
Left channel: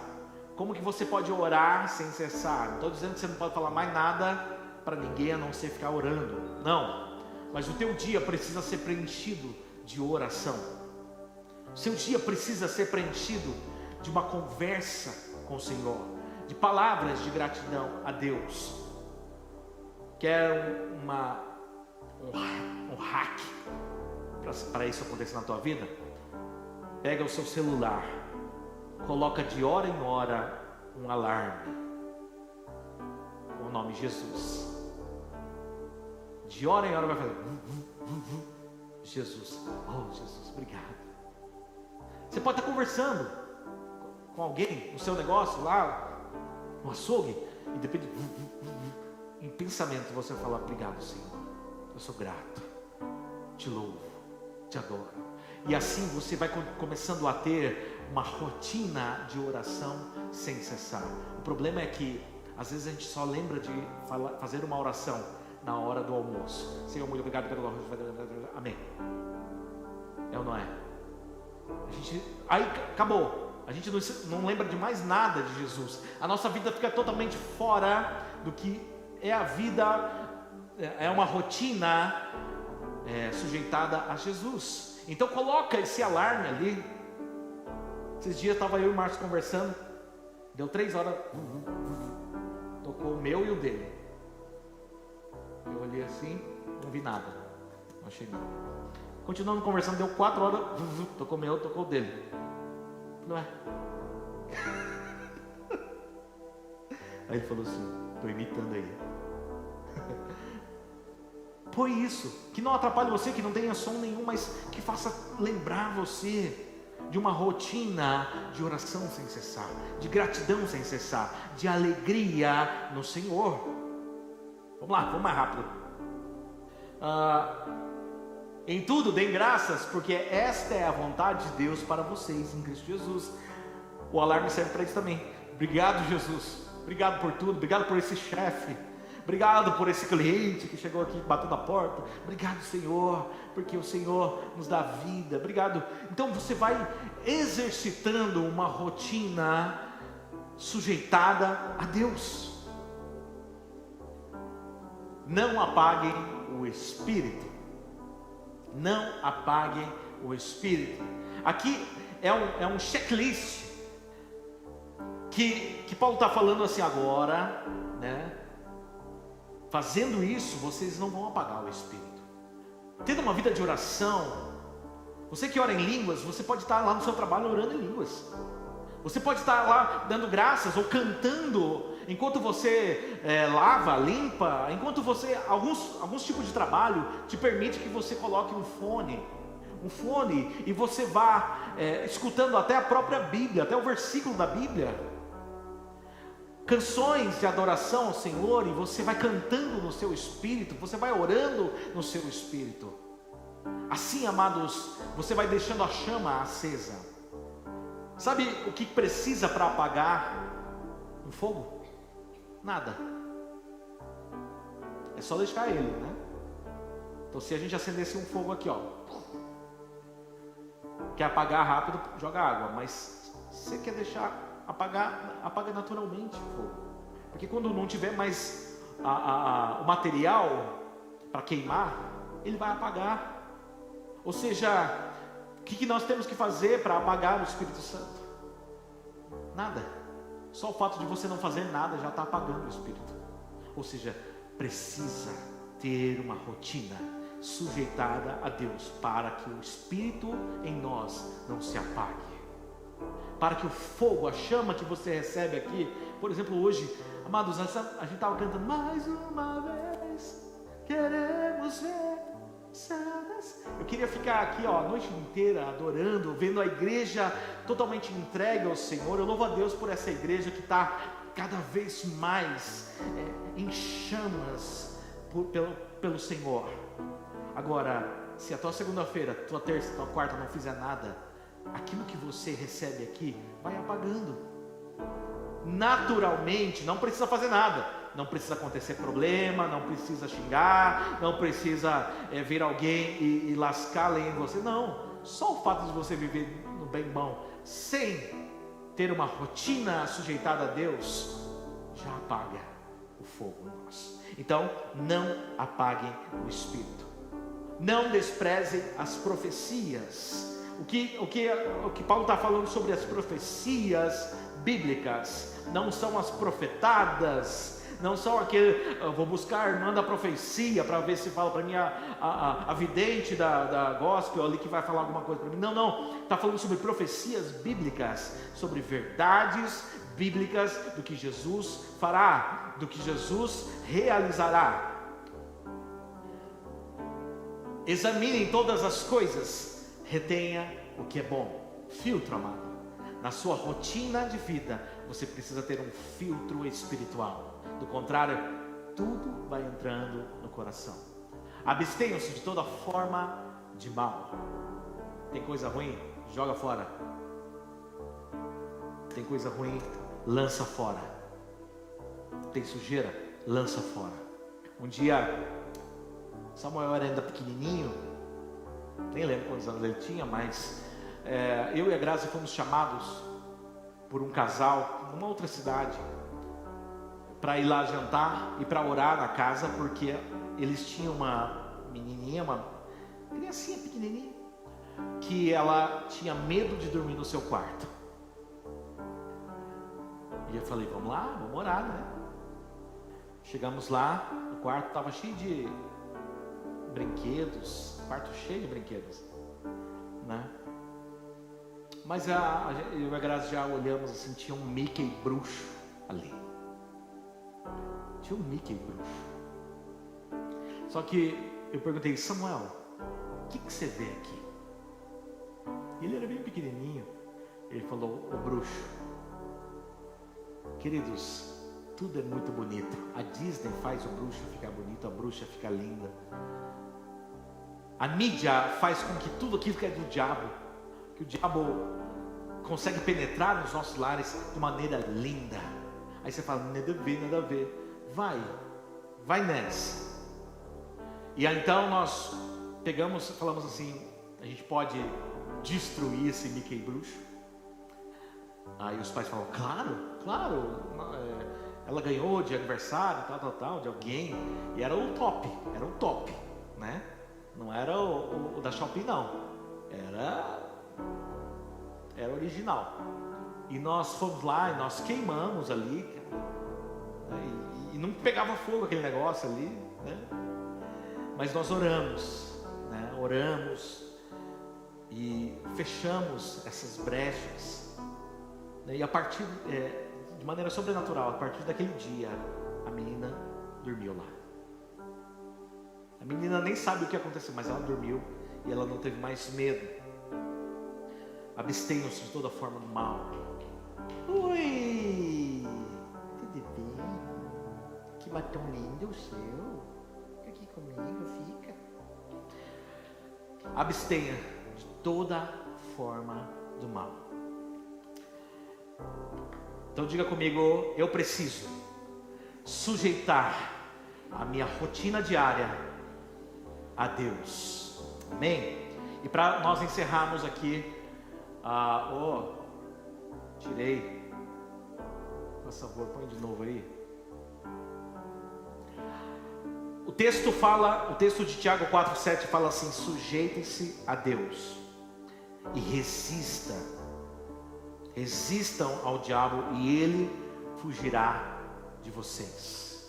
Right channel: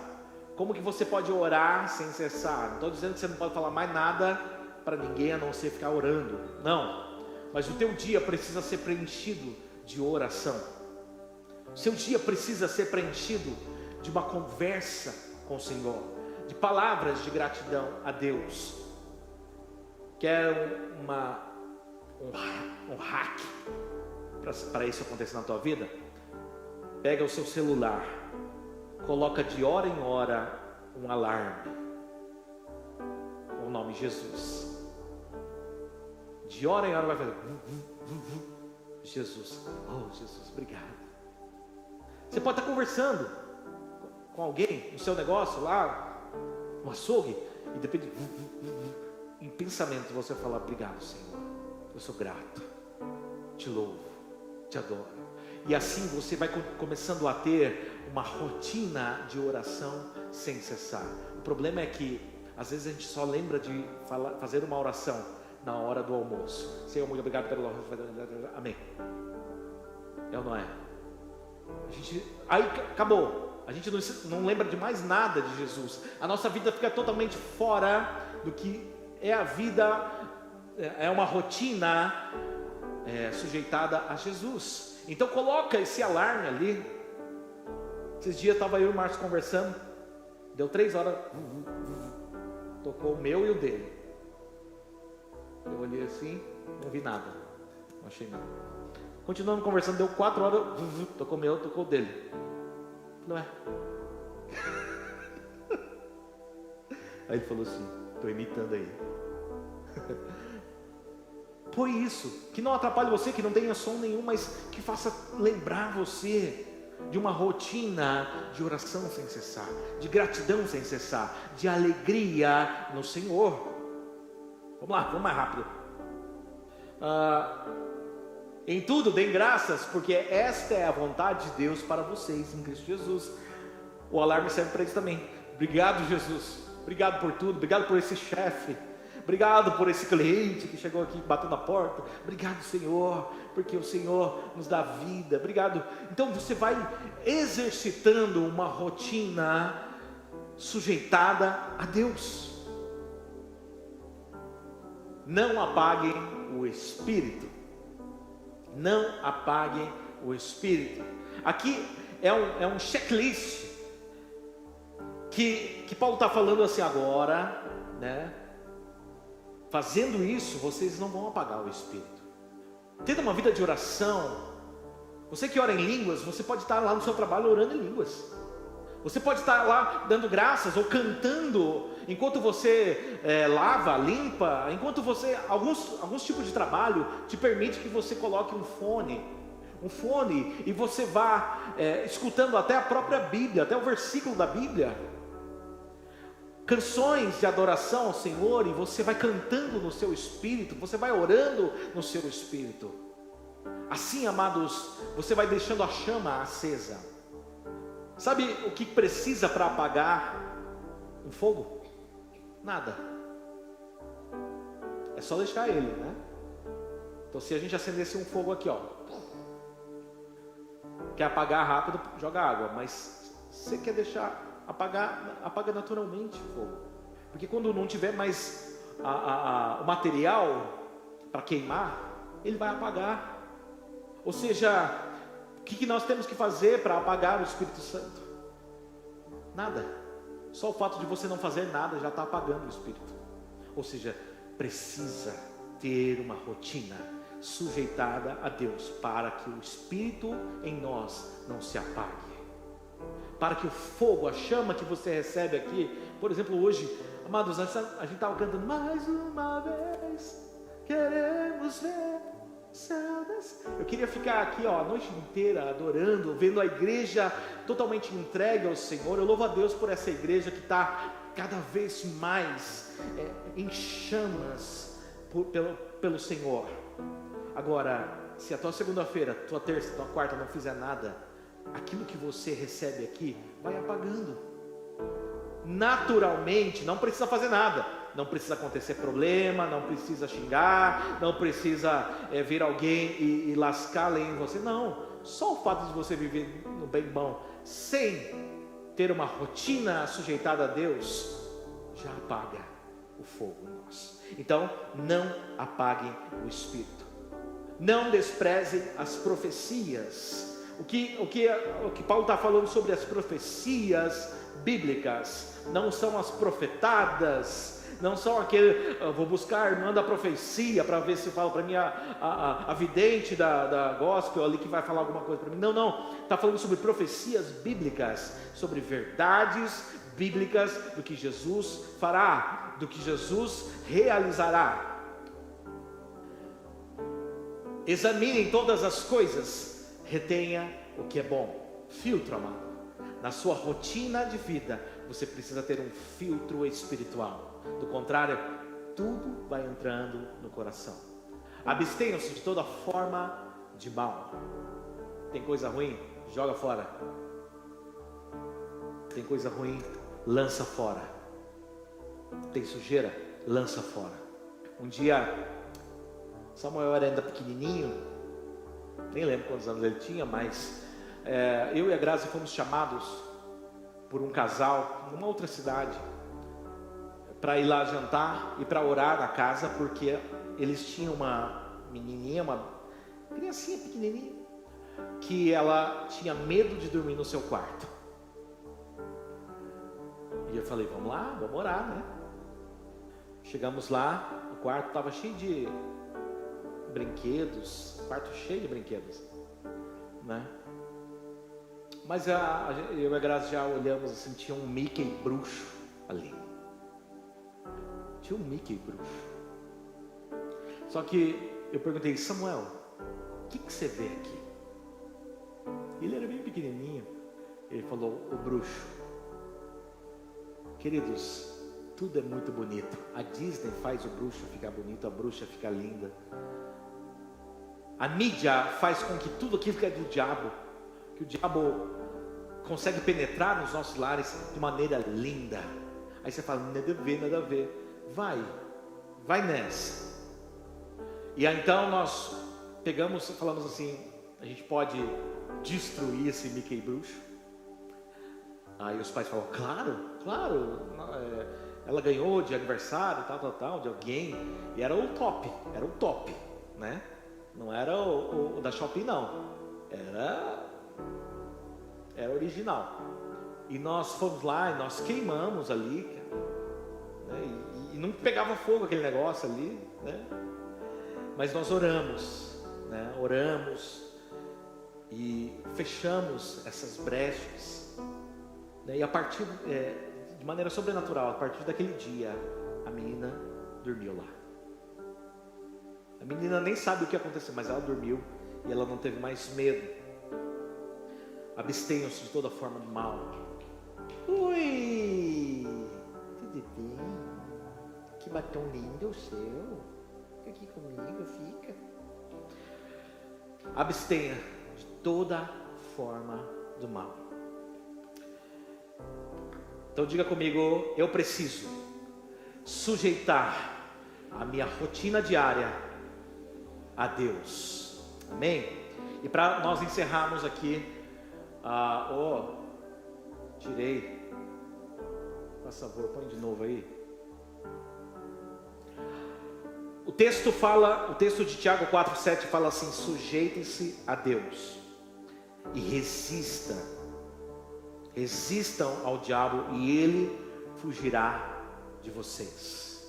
Como que você pode orar sem cessar? Não estou dizendo que você não pode falar mais nada para ninguém a não ser ficar orando, não. Mas o teu dia precisa ser preenchido de oração. O seu dia precisa ser preenchido de uma conversa com o Senhor, de palavras de gratidão a Deus. Quer um hack para isso acontecer na tua vida? Pega o seu celular, coloca de hora em hora um alarme com o nome Jesus. De hora em hora vai fazer Jesus. Oh, Jesus, obrigado. Você pode estar conversando com alguém no seu negócio lá no açougue, e depende, em pensamento você fala: obrigado, Senhor, eu sou grato, te louvo, te adoro. E assim você vai começando a ter uma rotina de oração sem cessar. O problema é que às vezes a gente só lembra de fazer uma oração na hora do almoço. Senhor, muito obrigado pelo amém. É ou não é? Aí acabou. A gente não lembra de mais nada de Jesus. A nossa vida fica totalmente fora do que é a vida. É uma rotina sujeitada a Jesus. Então coloca esse alarme ali. Esses dias estava eu e o Marcos conversando. Deu 3 horas. Tocou o meu e o dele. Eu olhei assim, não vi nada. Não achei nada. Continuando conversando, deu 4 horas. Tocou o meu, tocou o dele. Não é? Aí ele falou assim: estou imitando aí. Põe isso, que não atrapalhe você, que não tenha som nenhum, mas que faça lembrar você de uma rotina de oração sem cessar, de gratidão sem cessar, de alegria no Senhor. Vamos lá, vamos mais rápido. Em tudo, deem graças, porque esta é a vontade de Deus para vocês, em Cristo Jesus. O alarme serve para isso também. Obrigado, Jesus. Obrigado por tudo. Obrigado por esse chefe. Obrigado por esse cliente que chegou aqui batendo na porta. Obrigado, Senhor, porque o Senhor nos dá vida. Obrigado. Então você vai exercitando uma rotina sujeitada a Deus. Não apaguem o Espírito. Não apaguem o Espírito. Aqui é um checklist que Paulo está falando assim agora, né? Fazendo isso, vocês não vão apagar o Espírito. Tendo uma vida de oração, você que ora em línguas, você pode estar lá no seu trabalho orando em línguas. Você pode estar lá dando graças ou cantando enquanto você lava, limpa, enquanto você, alguns tipos de trabalho te permite que você coloque um fone e você vá escutando até a própria Bíblia, até o versículo da Bíblia. Canções de adoração ao Senhor, e você vai cantando no seu espírito, você vai orando no seu espírito. Assim, amados, você vai deixando a chama acesa. Sabe o que precisa para apagar um fogo? Nada. É só deixar ele, né? Então, se a gente acendesse um fogo aqui, ó, quer apagar rápido, joga água. Mas você quer deixar apagar, apaga naturalmente o fogo. Porque quando não tiver mais o material para queimar, ele vai apagar. Ou seja, o que nós temos que fazer para apagar o Espírito Santo? Nada. Só o fato de você não fazer nada já está apagando o Espírito. Ou seja, precisa ter uma rotina sujeitada a Deus, para que o Espírito em nós não se apague. Para que o fogo, a chama que você recebe aqui, por exemplo, hoje, amados, a gente estava cantando, mais uma vez, queremos ver o céu descer. Eu queria ficar aqui, ó, a noite inteira adorando, vendo a igreja totalmente entregue ao Senhor. Eu louvo a Deus por essa igreja que está cada vez mais em chamas pelo Senhor. Agora, se a tua segunda-feira, tua terça, tua quarta não fizer nada, aquilo que você recebe aqui vai apagando. Naturalmente, não precisa fazer nada. Não precisa acontecer problema, não precisa xingar, não precisa vir alguém e lascar a lei em você. Não, só o fato de você viver no bem bom, sem ter uma rotina sujeitada a Deus, já apaga o fogo em nós. Então, não apaguem o Espírito. Não desprezem as profecias. O que Paulo está falando sobre as profecias bíblicas não são as profetadas, não são aquele, vou buscar a irmã da profecia para ver se fala para mim a vidente da gospel ali que vai falar alguma coisa para mim. Não, está falando sobre profecias bíblicas, sobre verdades bíblicas do que Jesus fará, do que Jesus realizará. Examinem todas as coisas, retenha o que é bom. Filtro, amado. Na sua rotina de vida, você precisa ter um filtro espiritual. Do contrário, tudo vai entrando no coração. Abstenham-se de toda forma de mal. Tem coisa ruim? Joga fora. Tem coisa ruim? Lança fora. Tem sujeira? Lança fora. Um dia, Samuel era ainda pequenininho, nem lembro quantos anos ele tinha, mas eu e a Grazi fomos chamados por um casal numa outra cidade para ir lá jantar e para orar na casa, porque eles tinham uma menininha, uma criancinha pequenininha, que ela tinha medo de dormir no seu quarto. E eu falei, vamos lá, vamos orar, né? Chegamos lá, no quarto estava cheio de brinquedos, quarto cheio de brinquedos, né? Mas eu e a Grazi já olhamos assim, tinha um Mickey bruxo ali. Tinha um Mickey bruxo. Só que eu perguntei, Samuel, o que você vê aqui? Ele era bem pequenininho. Ele falou, o bruxo. Queridos, Tudo é muito bonito. A Disney faz o bruxo ficar bonito, a bruxa ficar linda. A mídia faz com que tudo aquilo que é do diabo, que o diabo consegue penetrar nos nossos lares de maneira linda. Aí você fala, nada a ver, nada a ver. Vai nessa. E aí então nós falamos assim, a gente pode destruir esse Mickey bruxo? Aí os pais falam, claro, ela ganhou de aniversário, tal, de alguém, e era o top, né? Não era o da Shopee, não, era original. E nós fomos lá e nós queimamos ali, cara, né? E não pegava fogo aquele negócio ali, né? Mas nós oramos, né? Oramos e fechamos essas brechas, né? E a partir de maneira sobrenatural, a partir daquele dia, a menina dormiu lá. A menina nem sabe o que aconteceu, mas ela dormiu e ela não teve mais medo. Abstenham-se de toda forma do mal. Oi, tudo bem? Que batom lindo o seu. Fica aqui comigo, fica. Abstenha de toda forma do mal. Então diga comigo, eu preciso sujeitar a minha rotina diária a Deus. Amém? E para nós encerrarmos aqui, tirei. Por favor, põe de novo aí. O texto de Tiago 4:7 fala assim: sujeitem-se a Deus e resistam ao diabo e ele fugirá de vocês.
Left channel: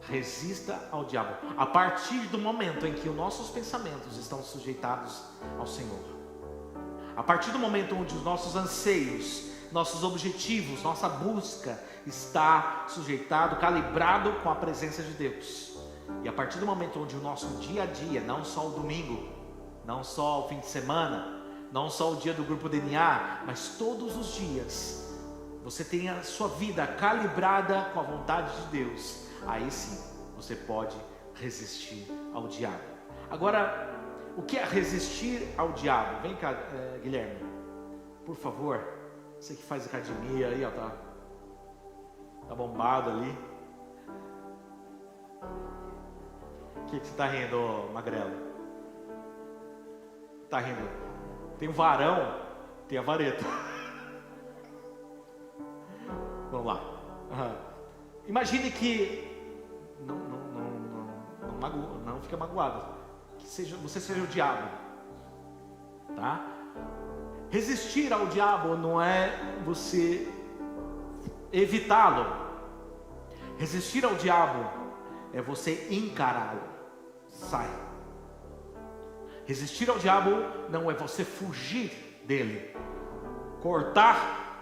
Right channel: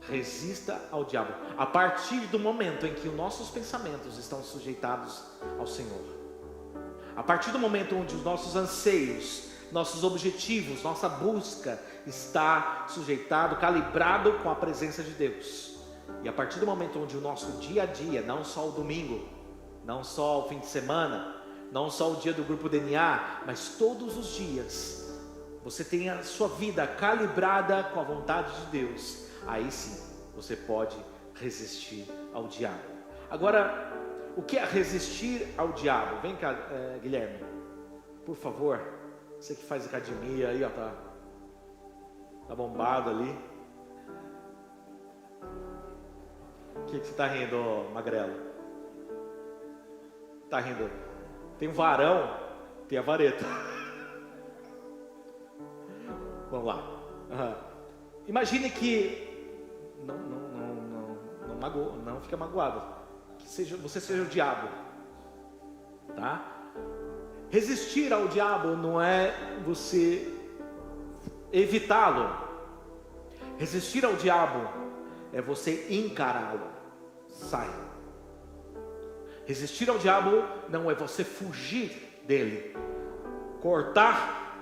Resista ao diabo. A partir do momento em que os nossos pensamentos estão sujeitados ao Senhor, a partir do momento onde os nossos anseios, nossos objetivos, nossa busca está sujeitado, calibrado com a presença de Deus, e a partir do momento onde o nosso dia a dia, não só o domingo, não só o fim de semana, não só o dia do grupo DNA, mas todos os dias, você tem a sua vida calibrada com a vontade de Deus, aí sim, você pode resistir ao diabo. Agora, o que é resistir ao diabo? Vem cá, Guilherme, por favor. Você que faz academia aí, ó, tá bombado ali. O que você tá rindo, magrelo? Tá rindo? Tem um varão, tem a vareta. Vamos lá. Imagine que não fica magoado. Que você seja o diabo, tá? Resistir ao diabo não é você evitá-lo. Resistir ao diabo é você encará-lo. Sai. Resistir ao diabo não é você fugir dele, cortar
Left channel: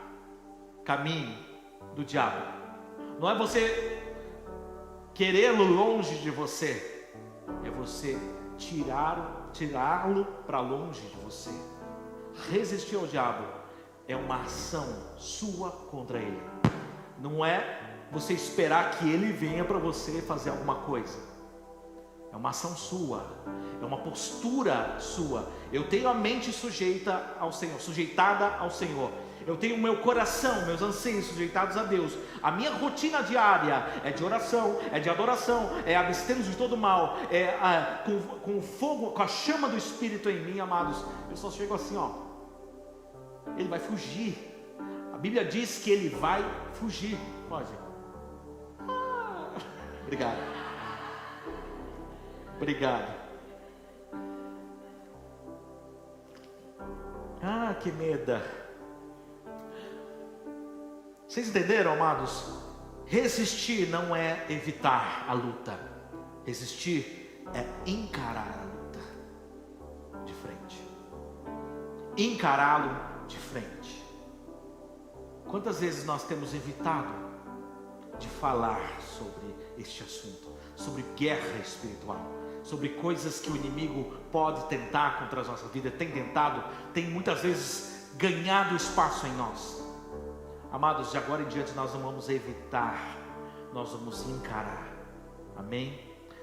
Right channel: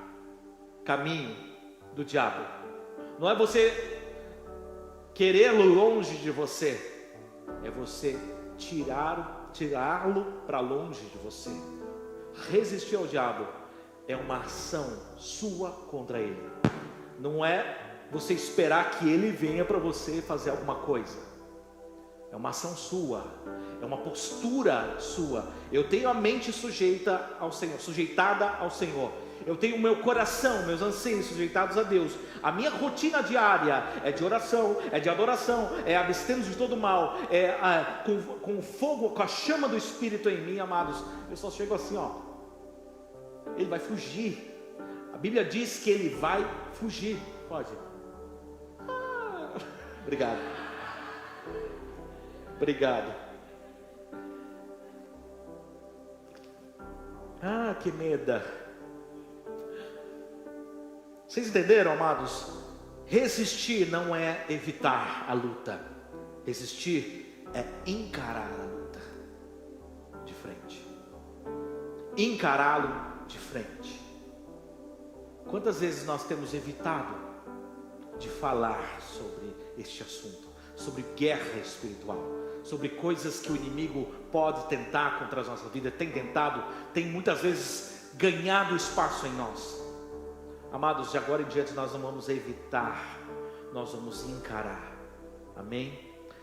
caminho do diabo. Não é você querê-lo longe de você, é você tirá-lo para longe de você. Resistir ao diabo é uma ação sua contra ele. Não é você esperar que ele venha para você fazer alguma coisa. É uma ação sua, é uma postura sua. Eu tenho a mente sujeitada ao Senhor. Eu tenho o meu coração, meus anseios sujeitados a Deus. A minha rotina diária é de oração, é de adoração, é abstendo-se de todo mal, com o fogo, com a chama do Espírito em mim, amados. Eu só chego assim, ó. Ele vai fugir. A Bíblia diz que ele vai fugir. Pode. Obrigado. Que medo. Vocês entenderam, amados? Resistir não é evitar a luta. Resistir é encarar a luta de frente. Encará-lo de frente. Quantas vezes nós temos evitado de falar sobre este assunto, sobre guerra espiritual, sobre coisas que o inimigo pode tentar contra a nossa vida, tem muitas vezes ganhado espaço em nós. Amados, de agora em diante nós não vamos evitar nós vamos encarar. Amém?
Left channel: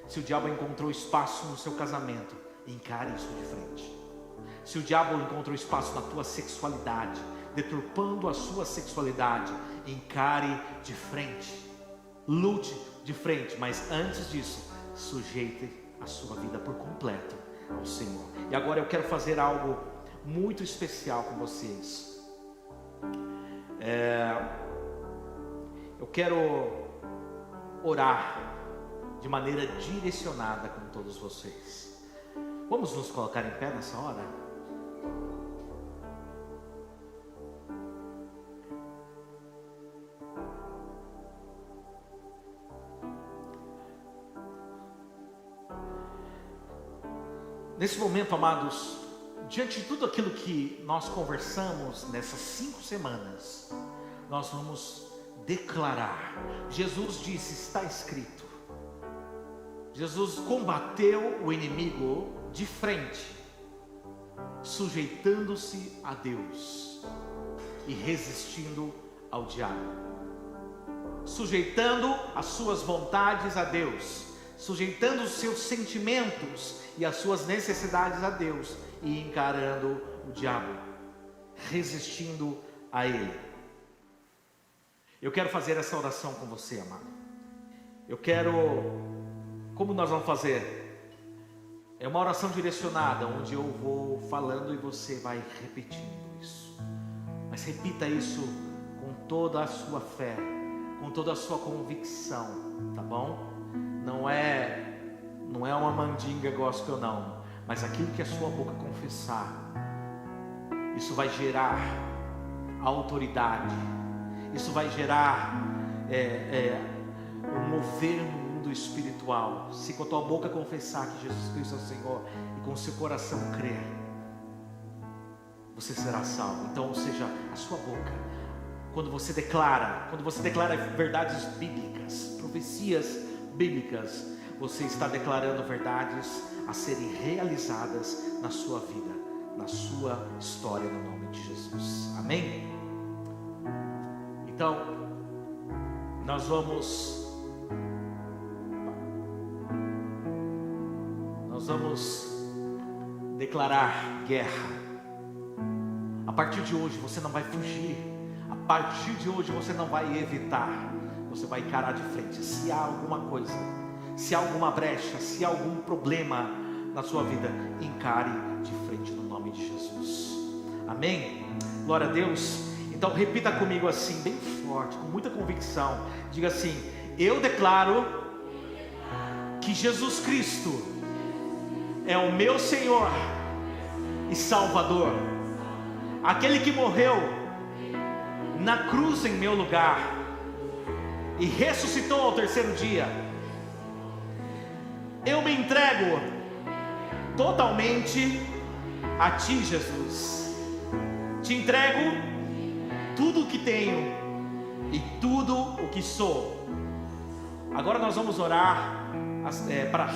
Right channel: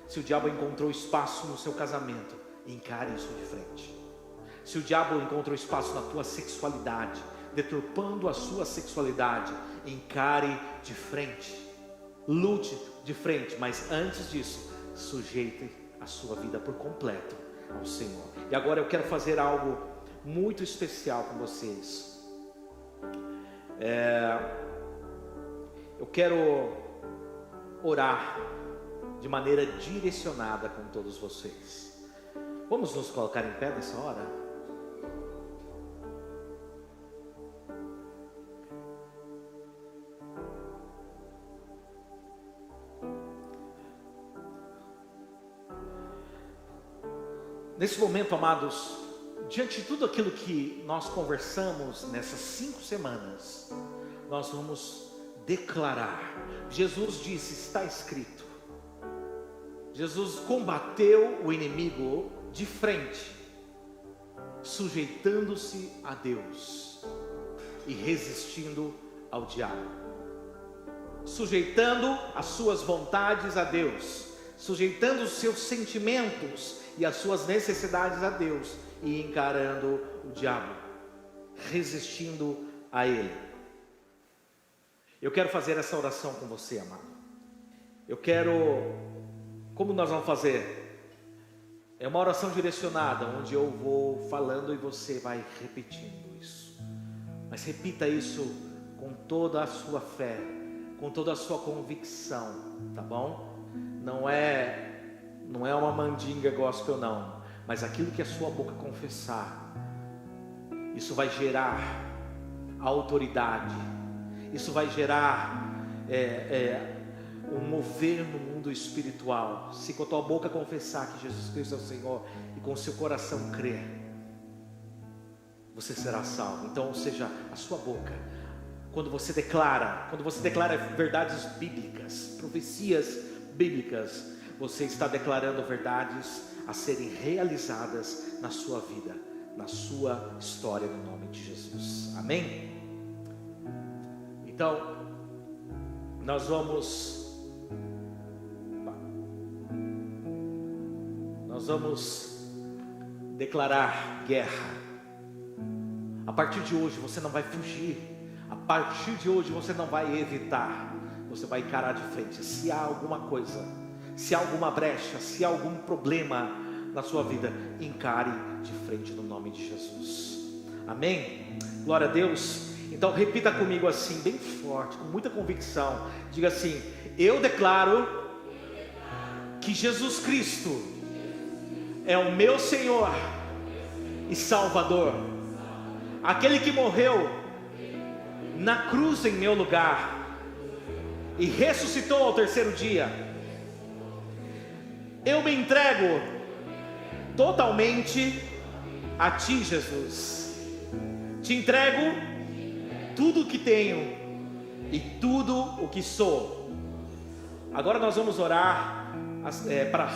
Se o diabo encontrou espaço no seu casamento, encare isso de frente. Se o diabo encontrou espaço na tua sexualidade, deturpando a sua sexualidade, encare de frente. Lute de frente, mas antes disso, sujeite a sua vida por completo ao Senhor. E agora eu quero fazer algo muito especial com vocês. Eu quero orar de maneira direcionada com todos vocês. Vamos nos colocar em pé nessa hora? Nesse momento, amados, diante de tudo aquilo que nós conversamos nessas 5 semanas, nós vamos declarar. Jesus disse, está escrito. Jesus combateu o inimigo de frente, sujeitando-se a Deus e resistindo ao diabo, sujeitando as suas vontades a Deus, sujeitando os seus sentimentos e as suas necessidades a Deus e encarando o diabo, resistindo a ele. Eu quero fazer essa oração com você, amado. Como nós vamos fazer? É uma oração direcionada, onde eu vou falando e você vai repetindo isso. Mas repita isso com toda a sua fé, com toda a sua convicção, tá bom? Não é uma mandinga gospel não, mas aquilo que a sua boca confessar, isso vai gerar autoridade, isso vai gerar um mover no mundo espiritual. Se com a tua boca confessar que Jesus Cristo é o Senhor e com o seu coração crer, você será salvo. Então, ou seja, a sua boca, quando você declara verdades bíblicas, profecias bíblicas, você está declarando verdades a serem realizadas na sua vida, na sua história, no nome de Jesus. Amém? Então, nós vamos declarar guerra. A partir de hoje você não vai fugir, a partir de hoje você não vai evitar, você vai encarar de frente. Se há alguma coisa, se há alguma brecha, se há algum problema na sua vida, encare de frente no nome de Jesus. Amém? Glória a Deus. Então repita comigo assim, bem forte, com muita convicção. Diga assim: eu declaro que Jesus Cristo é o meu Senhor e Salvador, aquele que morreu na cruz em meu lugar e ressuscitou ao 3º dia. Eu me entrego totalmente a Ti, Jesus. Te entrego tudo o que tenho e tudo o que sou. Agora nós vamos orar para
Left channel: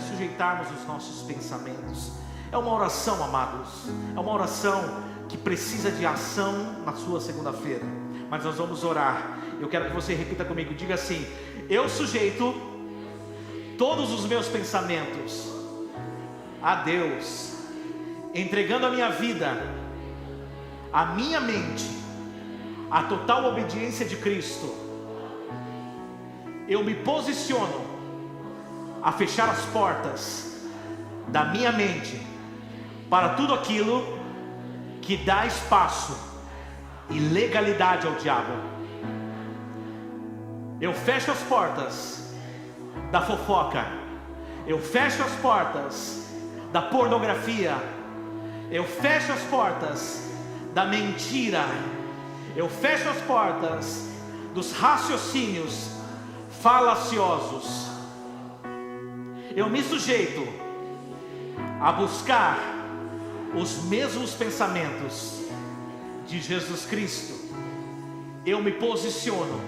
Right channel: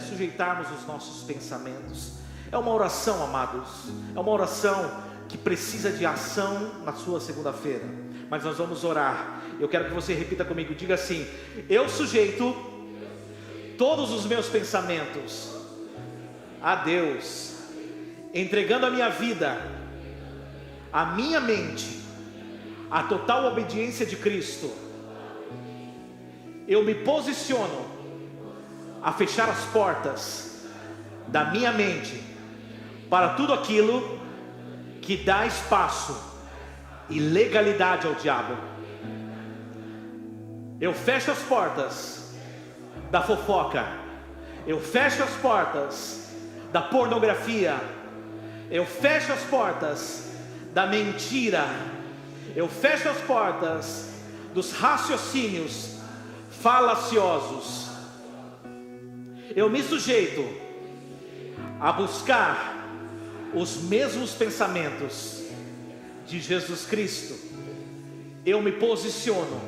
sujeitarmos os nossos pensamentos. É uma oração, amados, é uma oração que precisa de ação na sua segunda-feira, mas nós vamos orar. Eu quero que você repita comigo, diga assim: eu sujeito todos os meus pensamentos a Deus, entregando a minha vida, a minha mente, a total obediência de Cristo. Eu me posiciono a fechar as portas da minha mente para tudo aquilo que dá espaço e legalidade ao diabo. Eu fecho as portas da fofoca, eu fecho as portas da pornografia, eu fecho as portas da mentira, eu fecho as portas dos raciocínios falaciosos. Eu me sujeito a buscar os mesmos pensamentos de Jesus Cristo. Eu me posiciono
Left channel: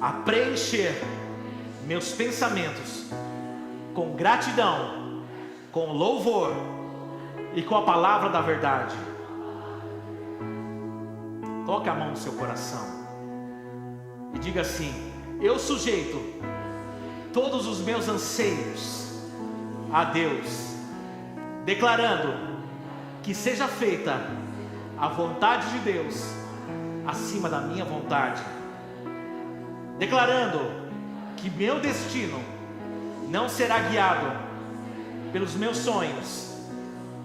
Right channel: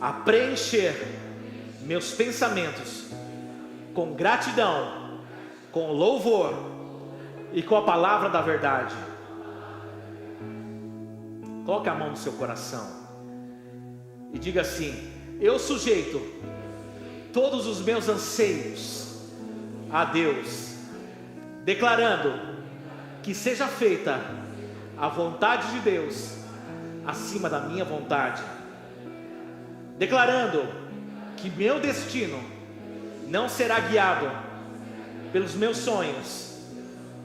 a preencher meus pensamentos com gratidão, com louvor e com a palavra da verdade. Coloque a mão no seu coração e diga assim: eu sujeito todos os meus anseios a Deus, declarando que seja feita a vontade de Deus acima da minha vontade, declarando que meu destino não será guiado pelos meus sonhos,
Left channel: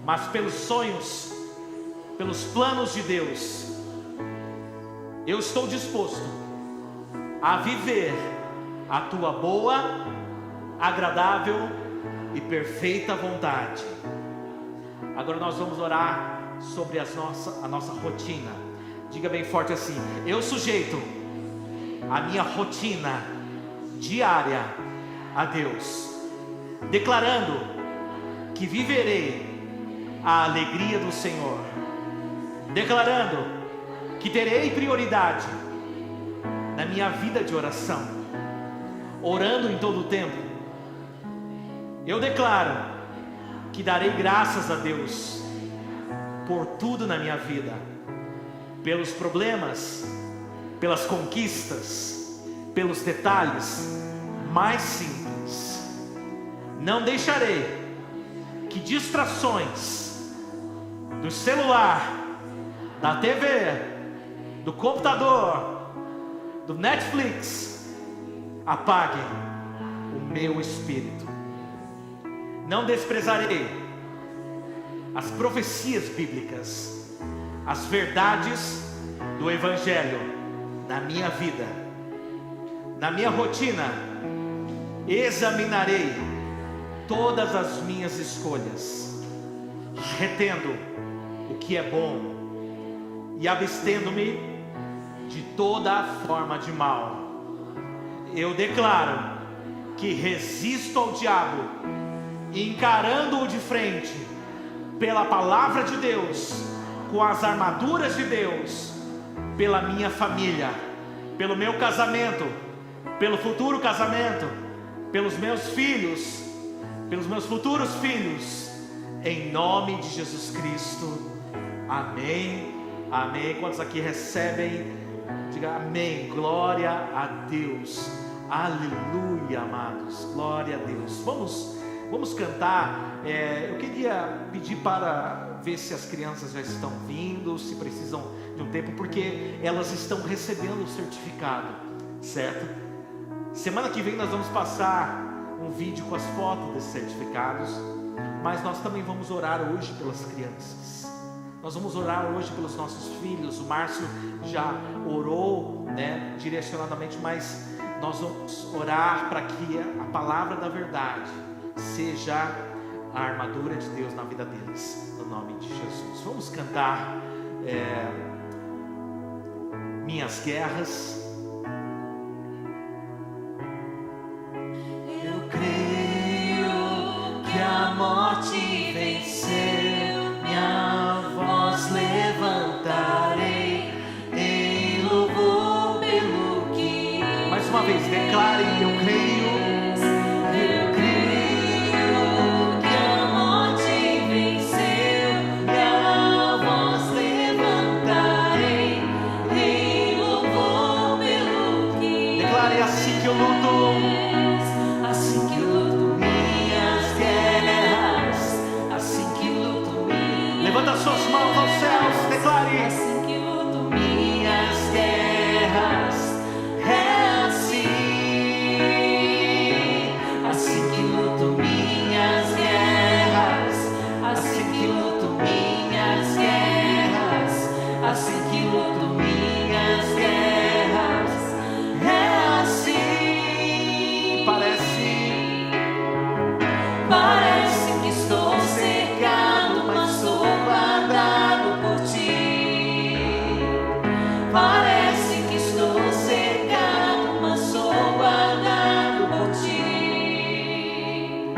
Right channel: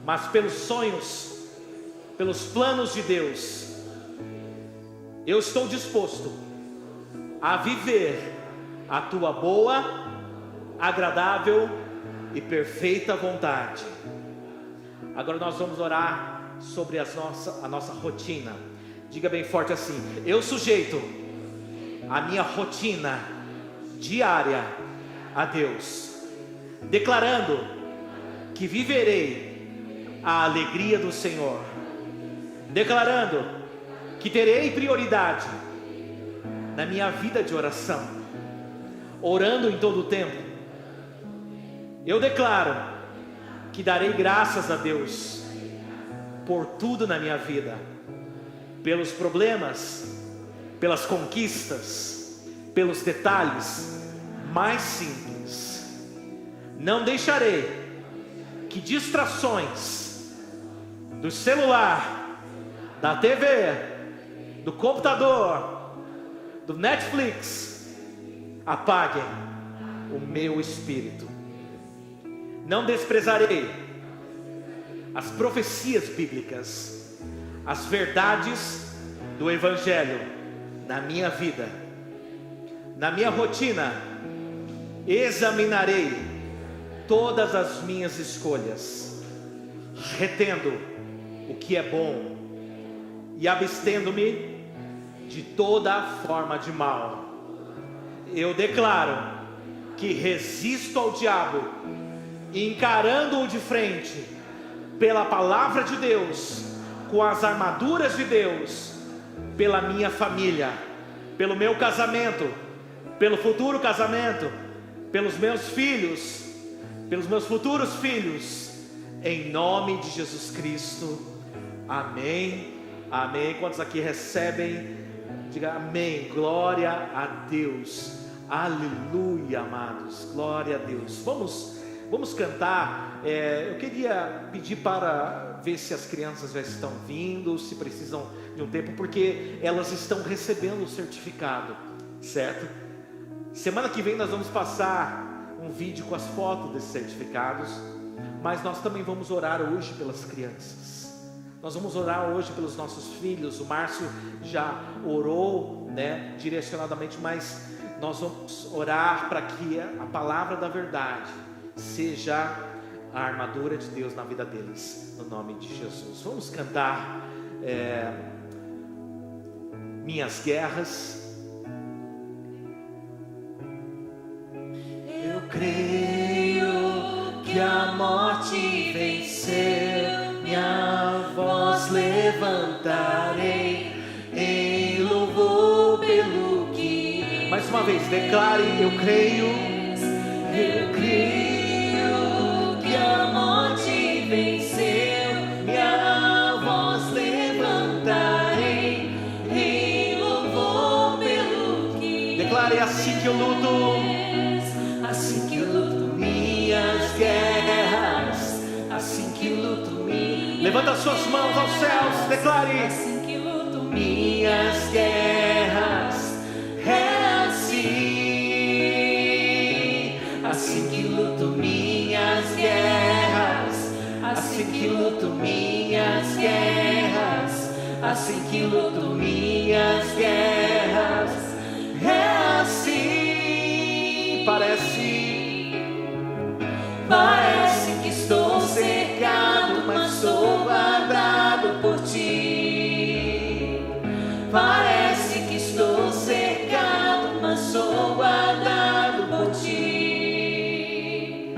mas pelos planos de Deus. Eu estou disposto a viver a tua boa, agradável e perfeita vontade. Agora nós vamos orar sobre a nossa rotina. Diga bem forte assim: eu sujeito a minha rotina diária a Deus, declarando que viverei a alegria do Senhor, declarando que terei prioridade na minha vida de oração, orando em todo o tempo. Eu declaro que darei graças a Deus por tudo na minha vida, pelos problemas, pelas conquistas, pelos detalhes mais simples. Não deixarei que distrações do celular, da TV, do computador, do Netflix apaguem o meu espírito. Não desprezarei as profecias bíblicas, as verdades do Evangelho na minha vida. Na minha rotina, examinarei todas as minhas escolhas, retendo o que é bom e abstendo-me de toda forma de mal. Eu declaro que resisto ao diabo, encarando-o de frente, pela palavra de Deus, com as armaduras de Deus, pela minha família, pelo meu casamento, pelo futuro casamento, pelos meus filhos, pelos meus futuros filhos, em nome de Jesus Cristo. Amém, amém. Quantos aqui recebem? Diga amém, glória a Deus, aleluia, amados, glória a Deus. Vamos cantar. Eu queria pedir para ver se as crianças já estão vindo, se precisam de um tempo, porque elas estão recebendo o certificado, certo? Semana que vem nós vamos passar um vídeo com as fotos desses certificados, mas nós também vamos orar hoje pelas crianças. Nós vamos orar hoje pelos nossos filhos. O Márcio já orou, direcionadamente, mas nós vamos orar para que a palavra da verdade seja a armadura de Deus na vida deles, no nome de Jesus. Vamos cantar Minhas Guerras. Eu creio que a morte venceu, minha voz levantarei em louvor pelo que. Mais uma vez, declare: eu creio. Eu creio que a morte venceu, minha voz levantarei em louvor pelo que. Declare: assim que eu luto, assim que eu luto minhas guerras, assim que luto minhas. Levanta as suas mãos aos céus, declare: assim que luto minhas guerras, é assim que luto minhas guerras, assim que luto minhas guerras, assim que luto minhas guerras, é assim. Parece que estou cercado, mas sou guardado por ti. Parece que estou cercado, mas sou guardado por ti.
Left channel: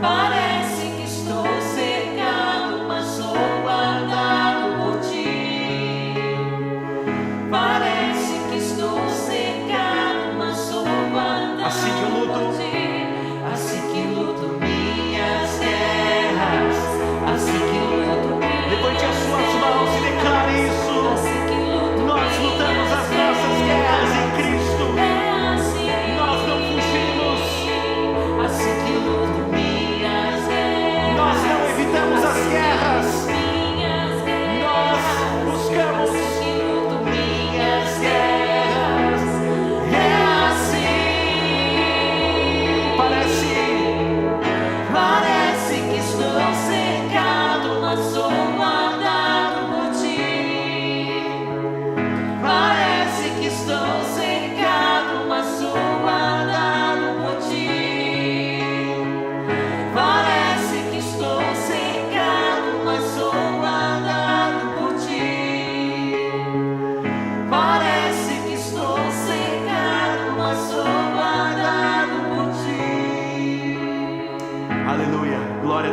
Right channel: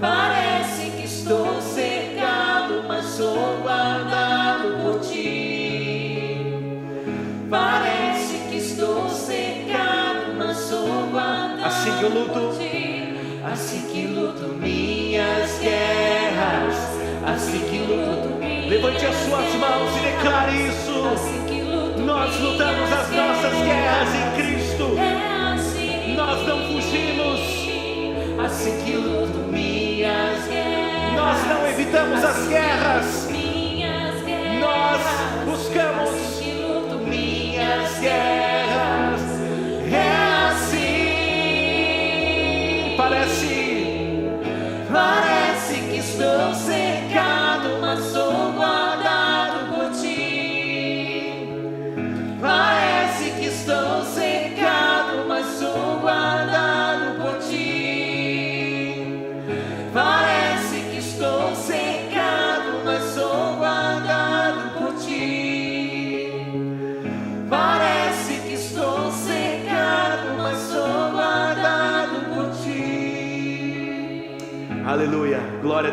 Parece que estou cercado, mas sou guardado por ti. Parece que estou cercado, mas sou guardado assim que eu luto por ti. Assim que luto minhas guerras, assim que luto. Levante as suas mãos e declare isso. Assim que luto Nós lutamos as nossas guerras em Cristo. é assim. combatimos. Assim que luto minhas guerras. Nós não evitamos as guerras. Minhas guerras. Nós buscamos. Assim que luto minhas guerras. É assim. Parece que estou cercado, mas sou guardado por ti. Parece que estou cercado, mas sou guardado por ti. Parece que estou cercado, mas sou guardado por ti. Parece que estou cercado, mas sou guardado por ti. Aleluia, glória a Deus.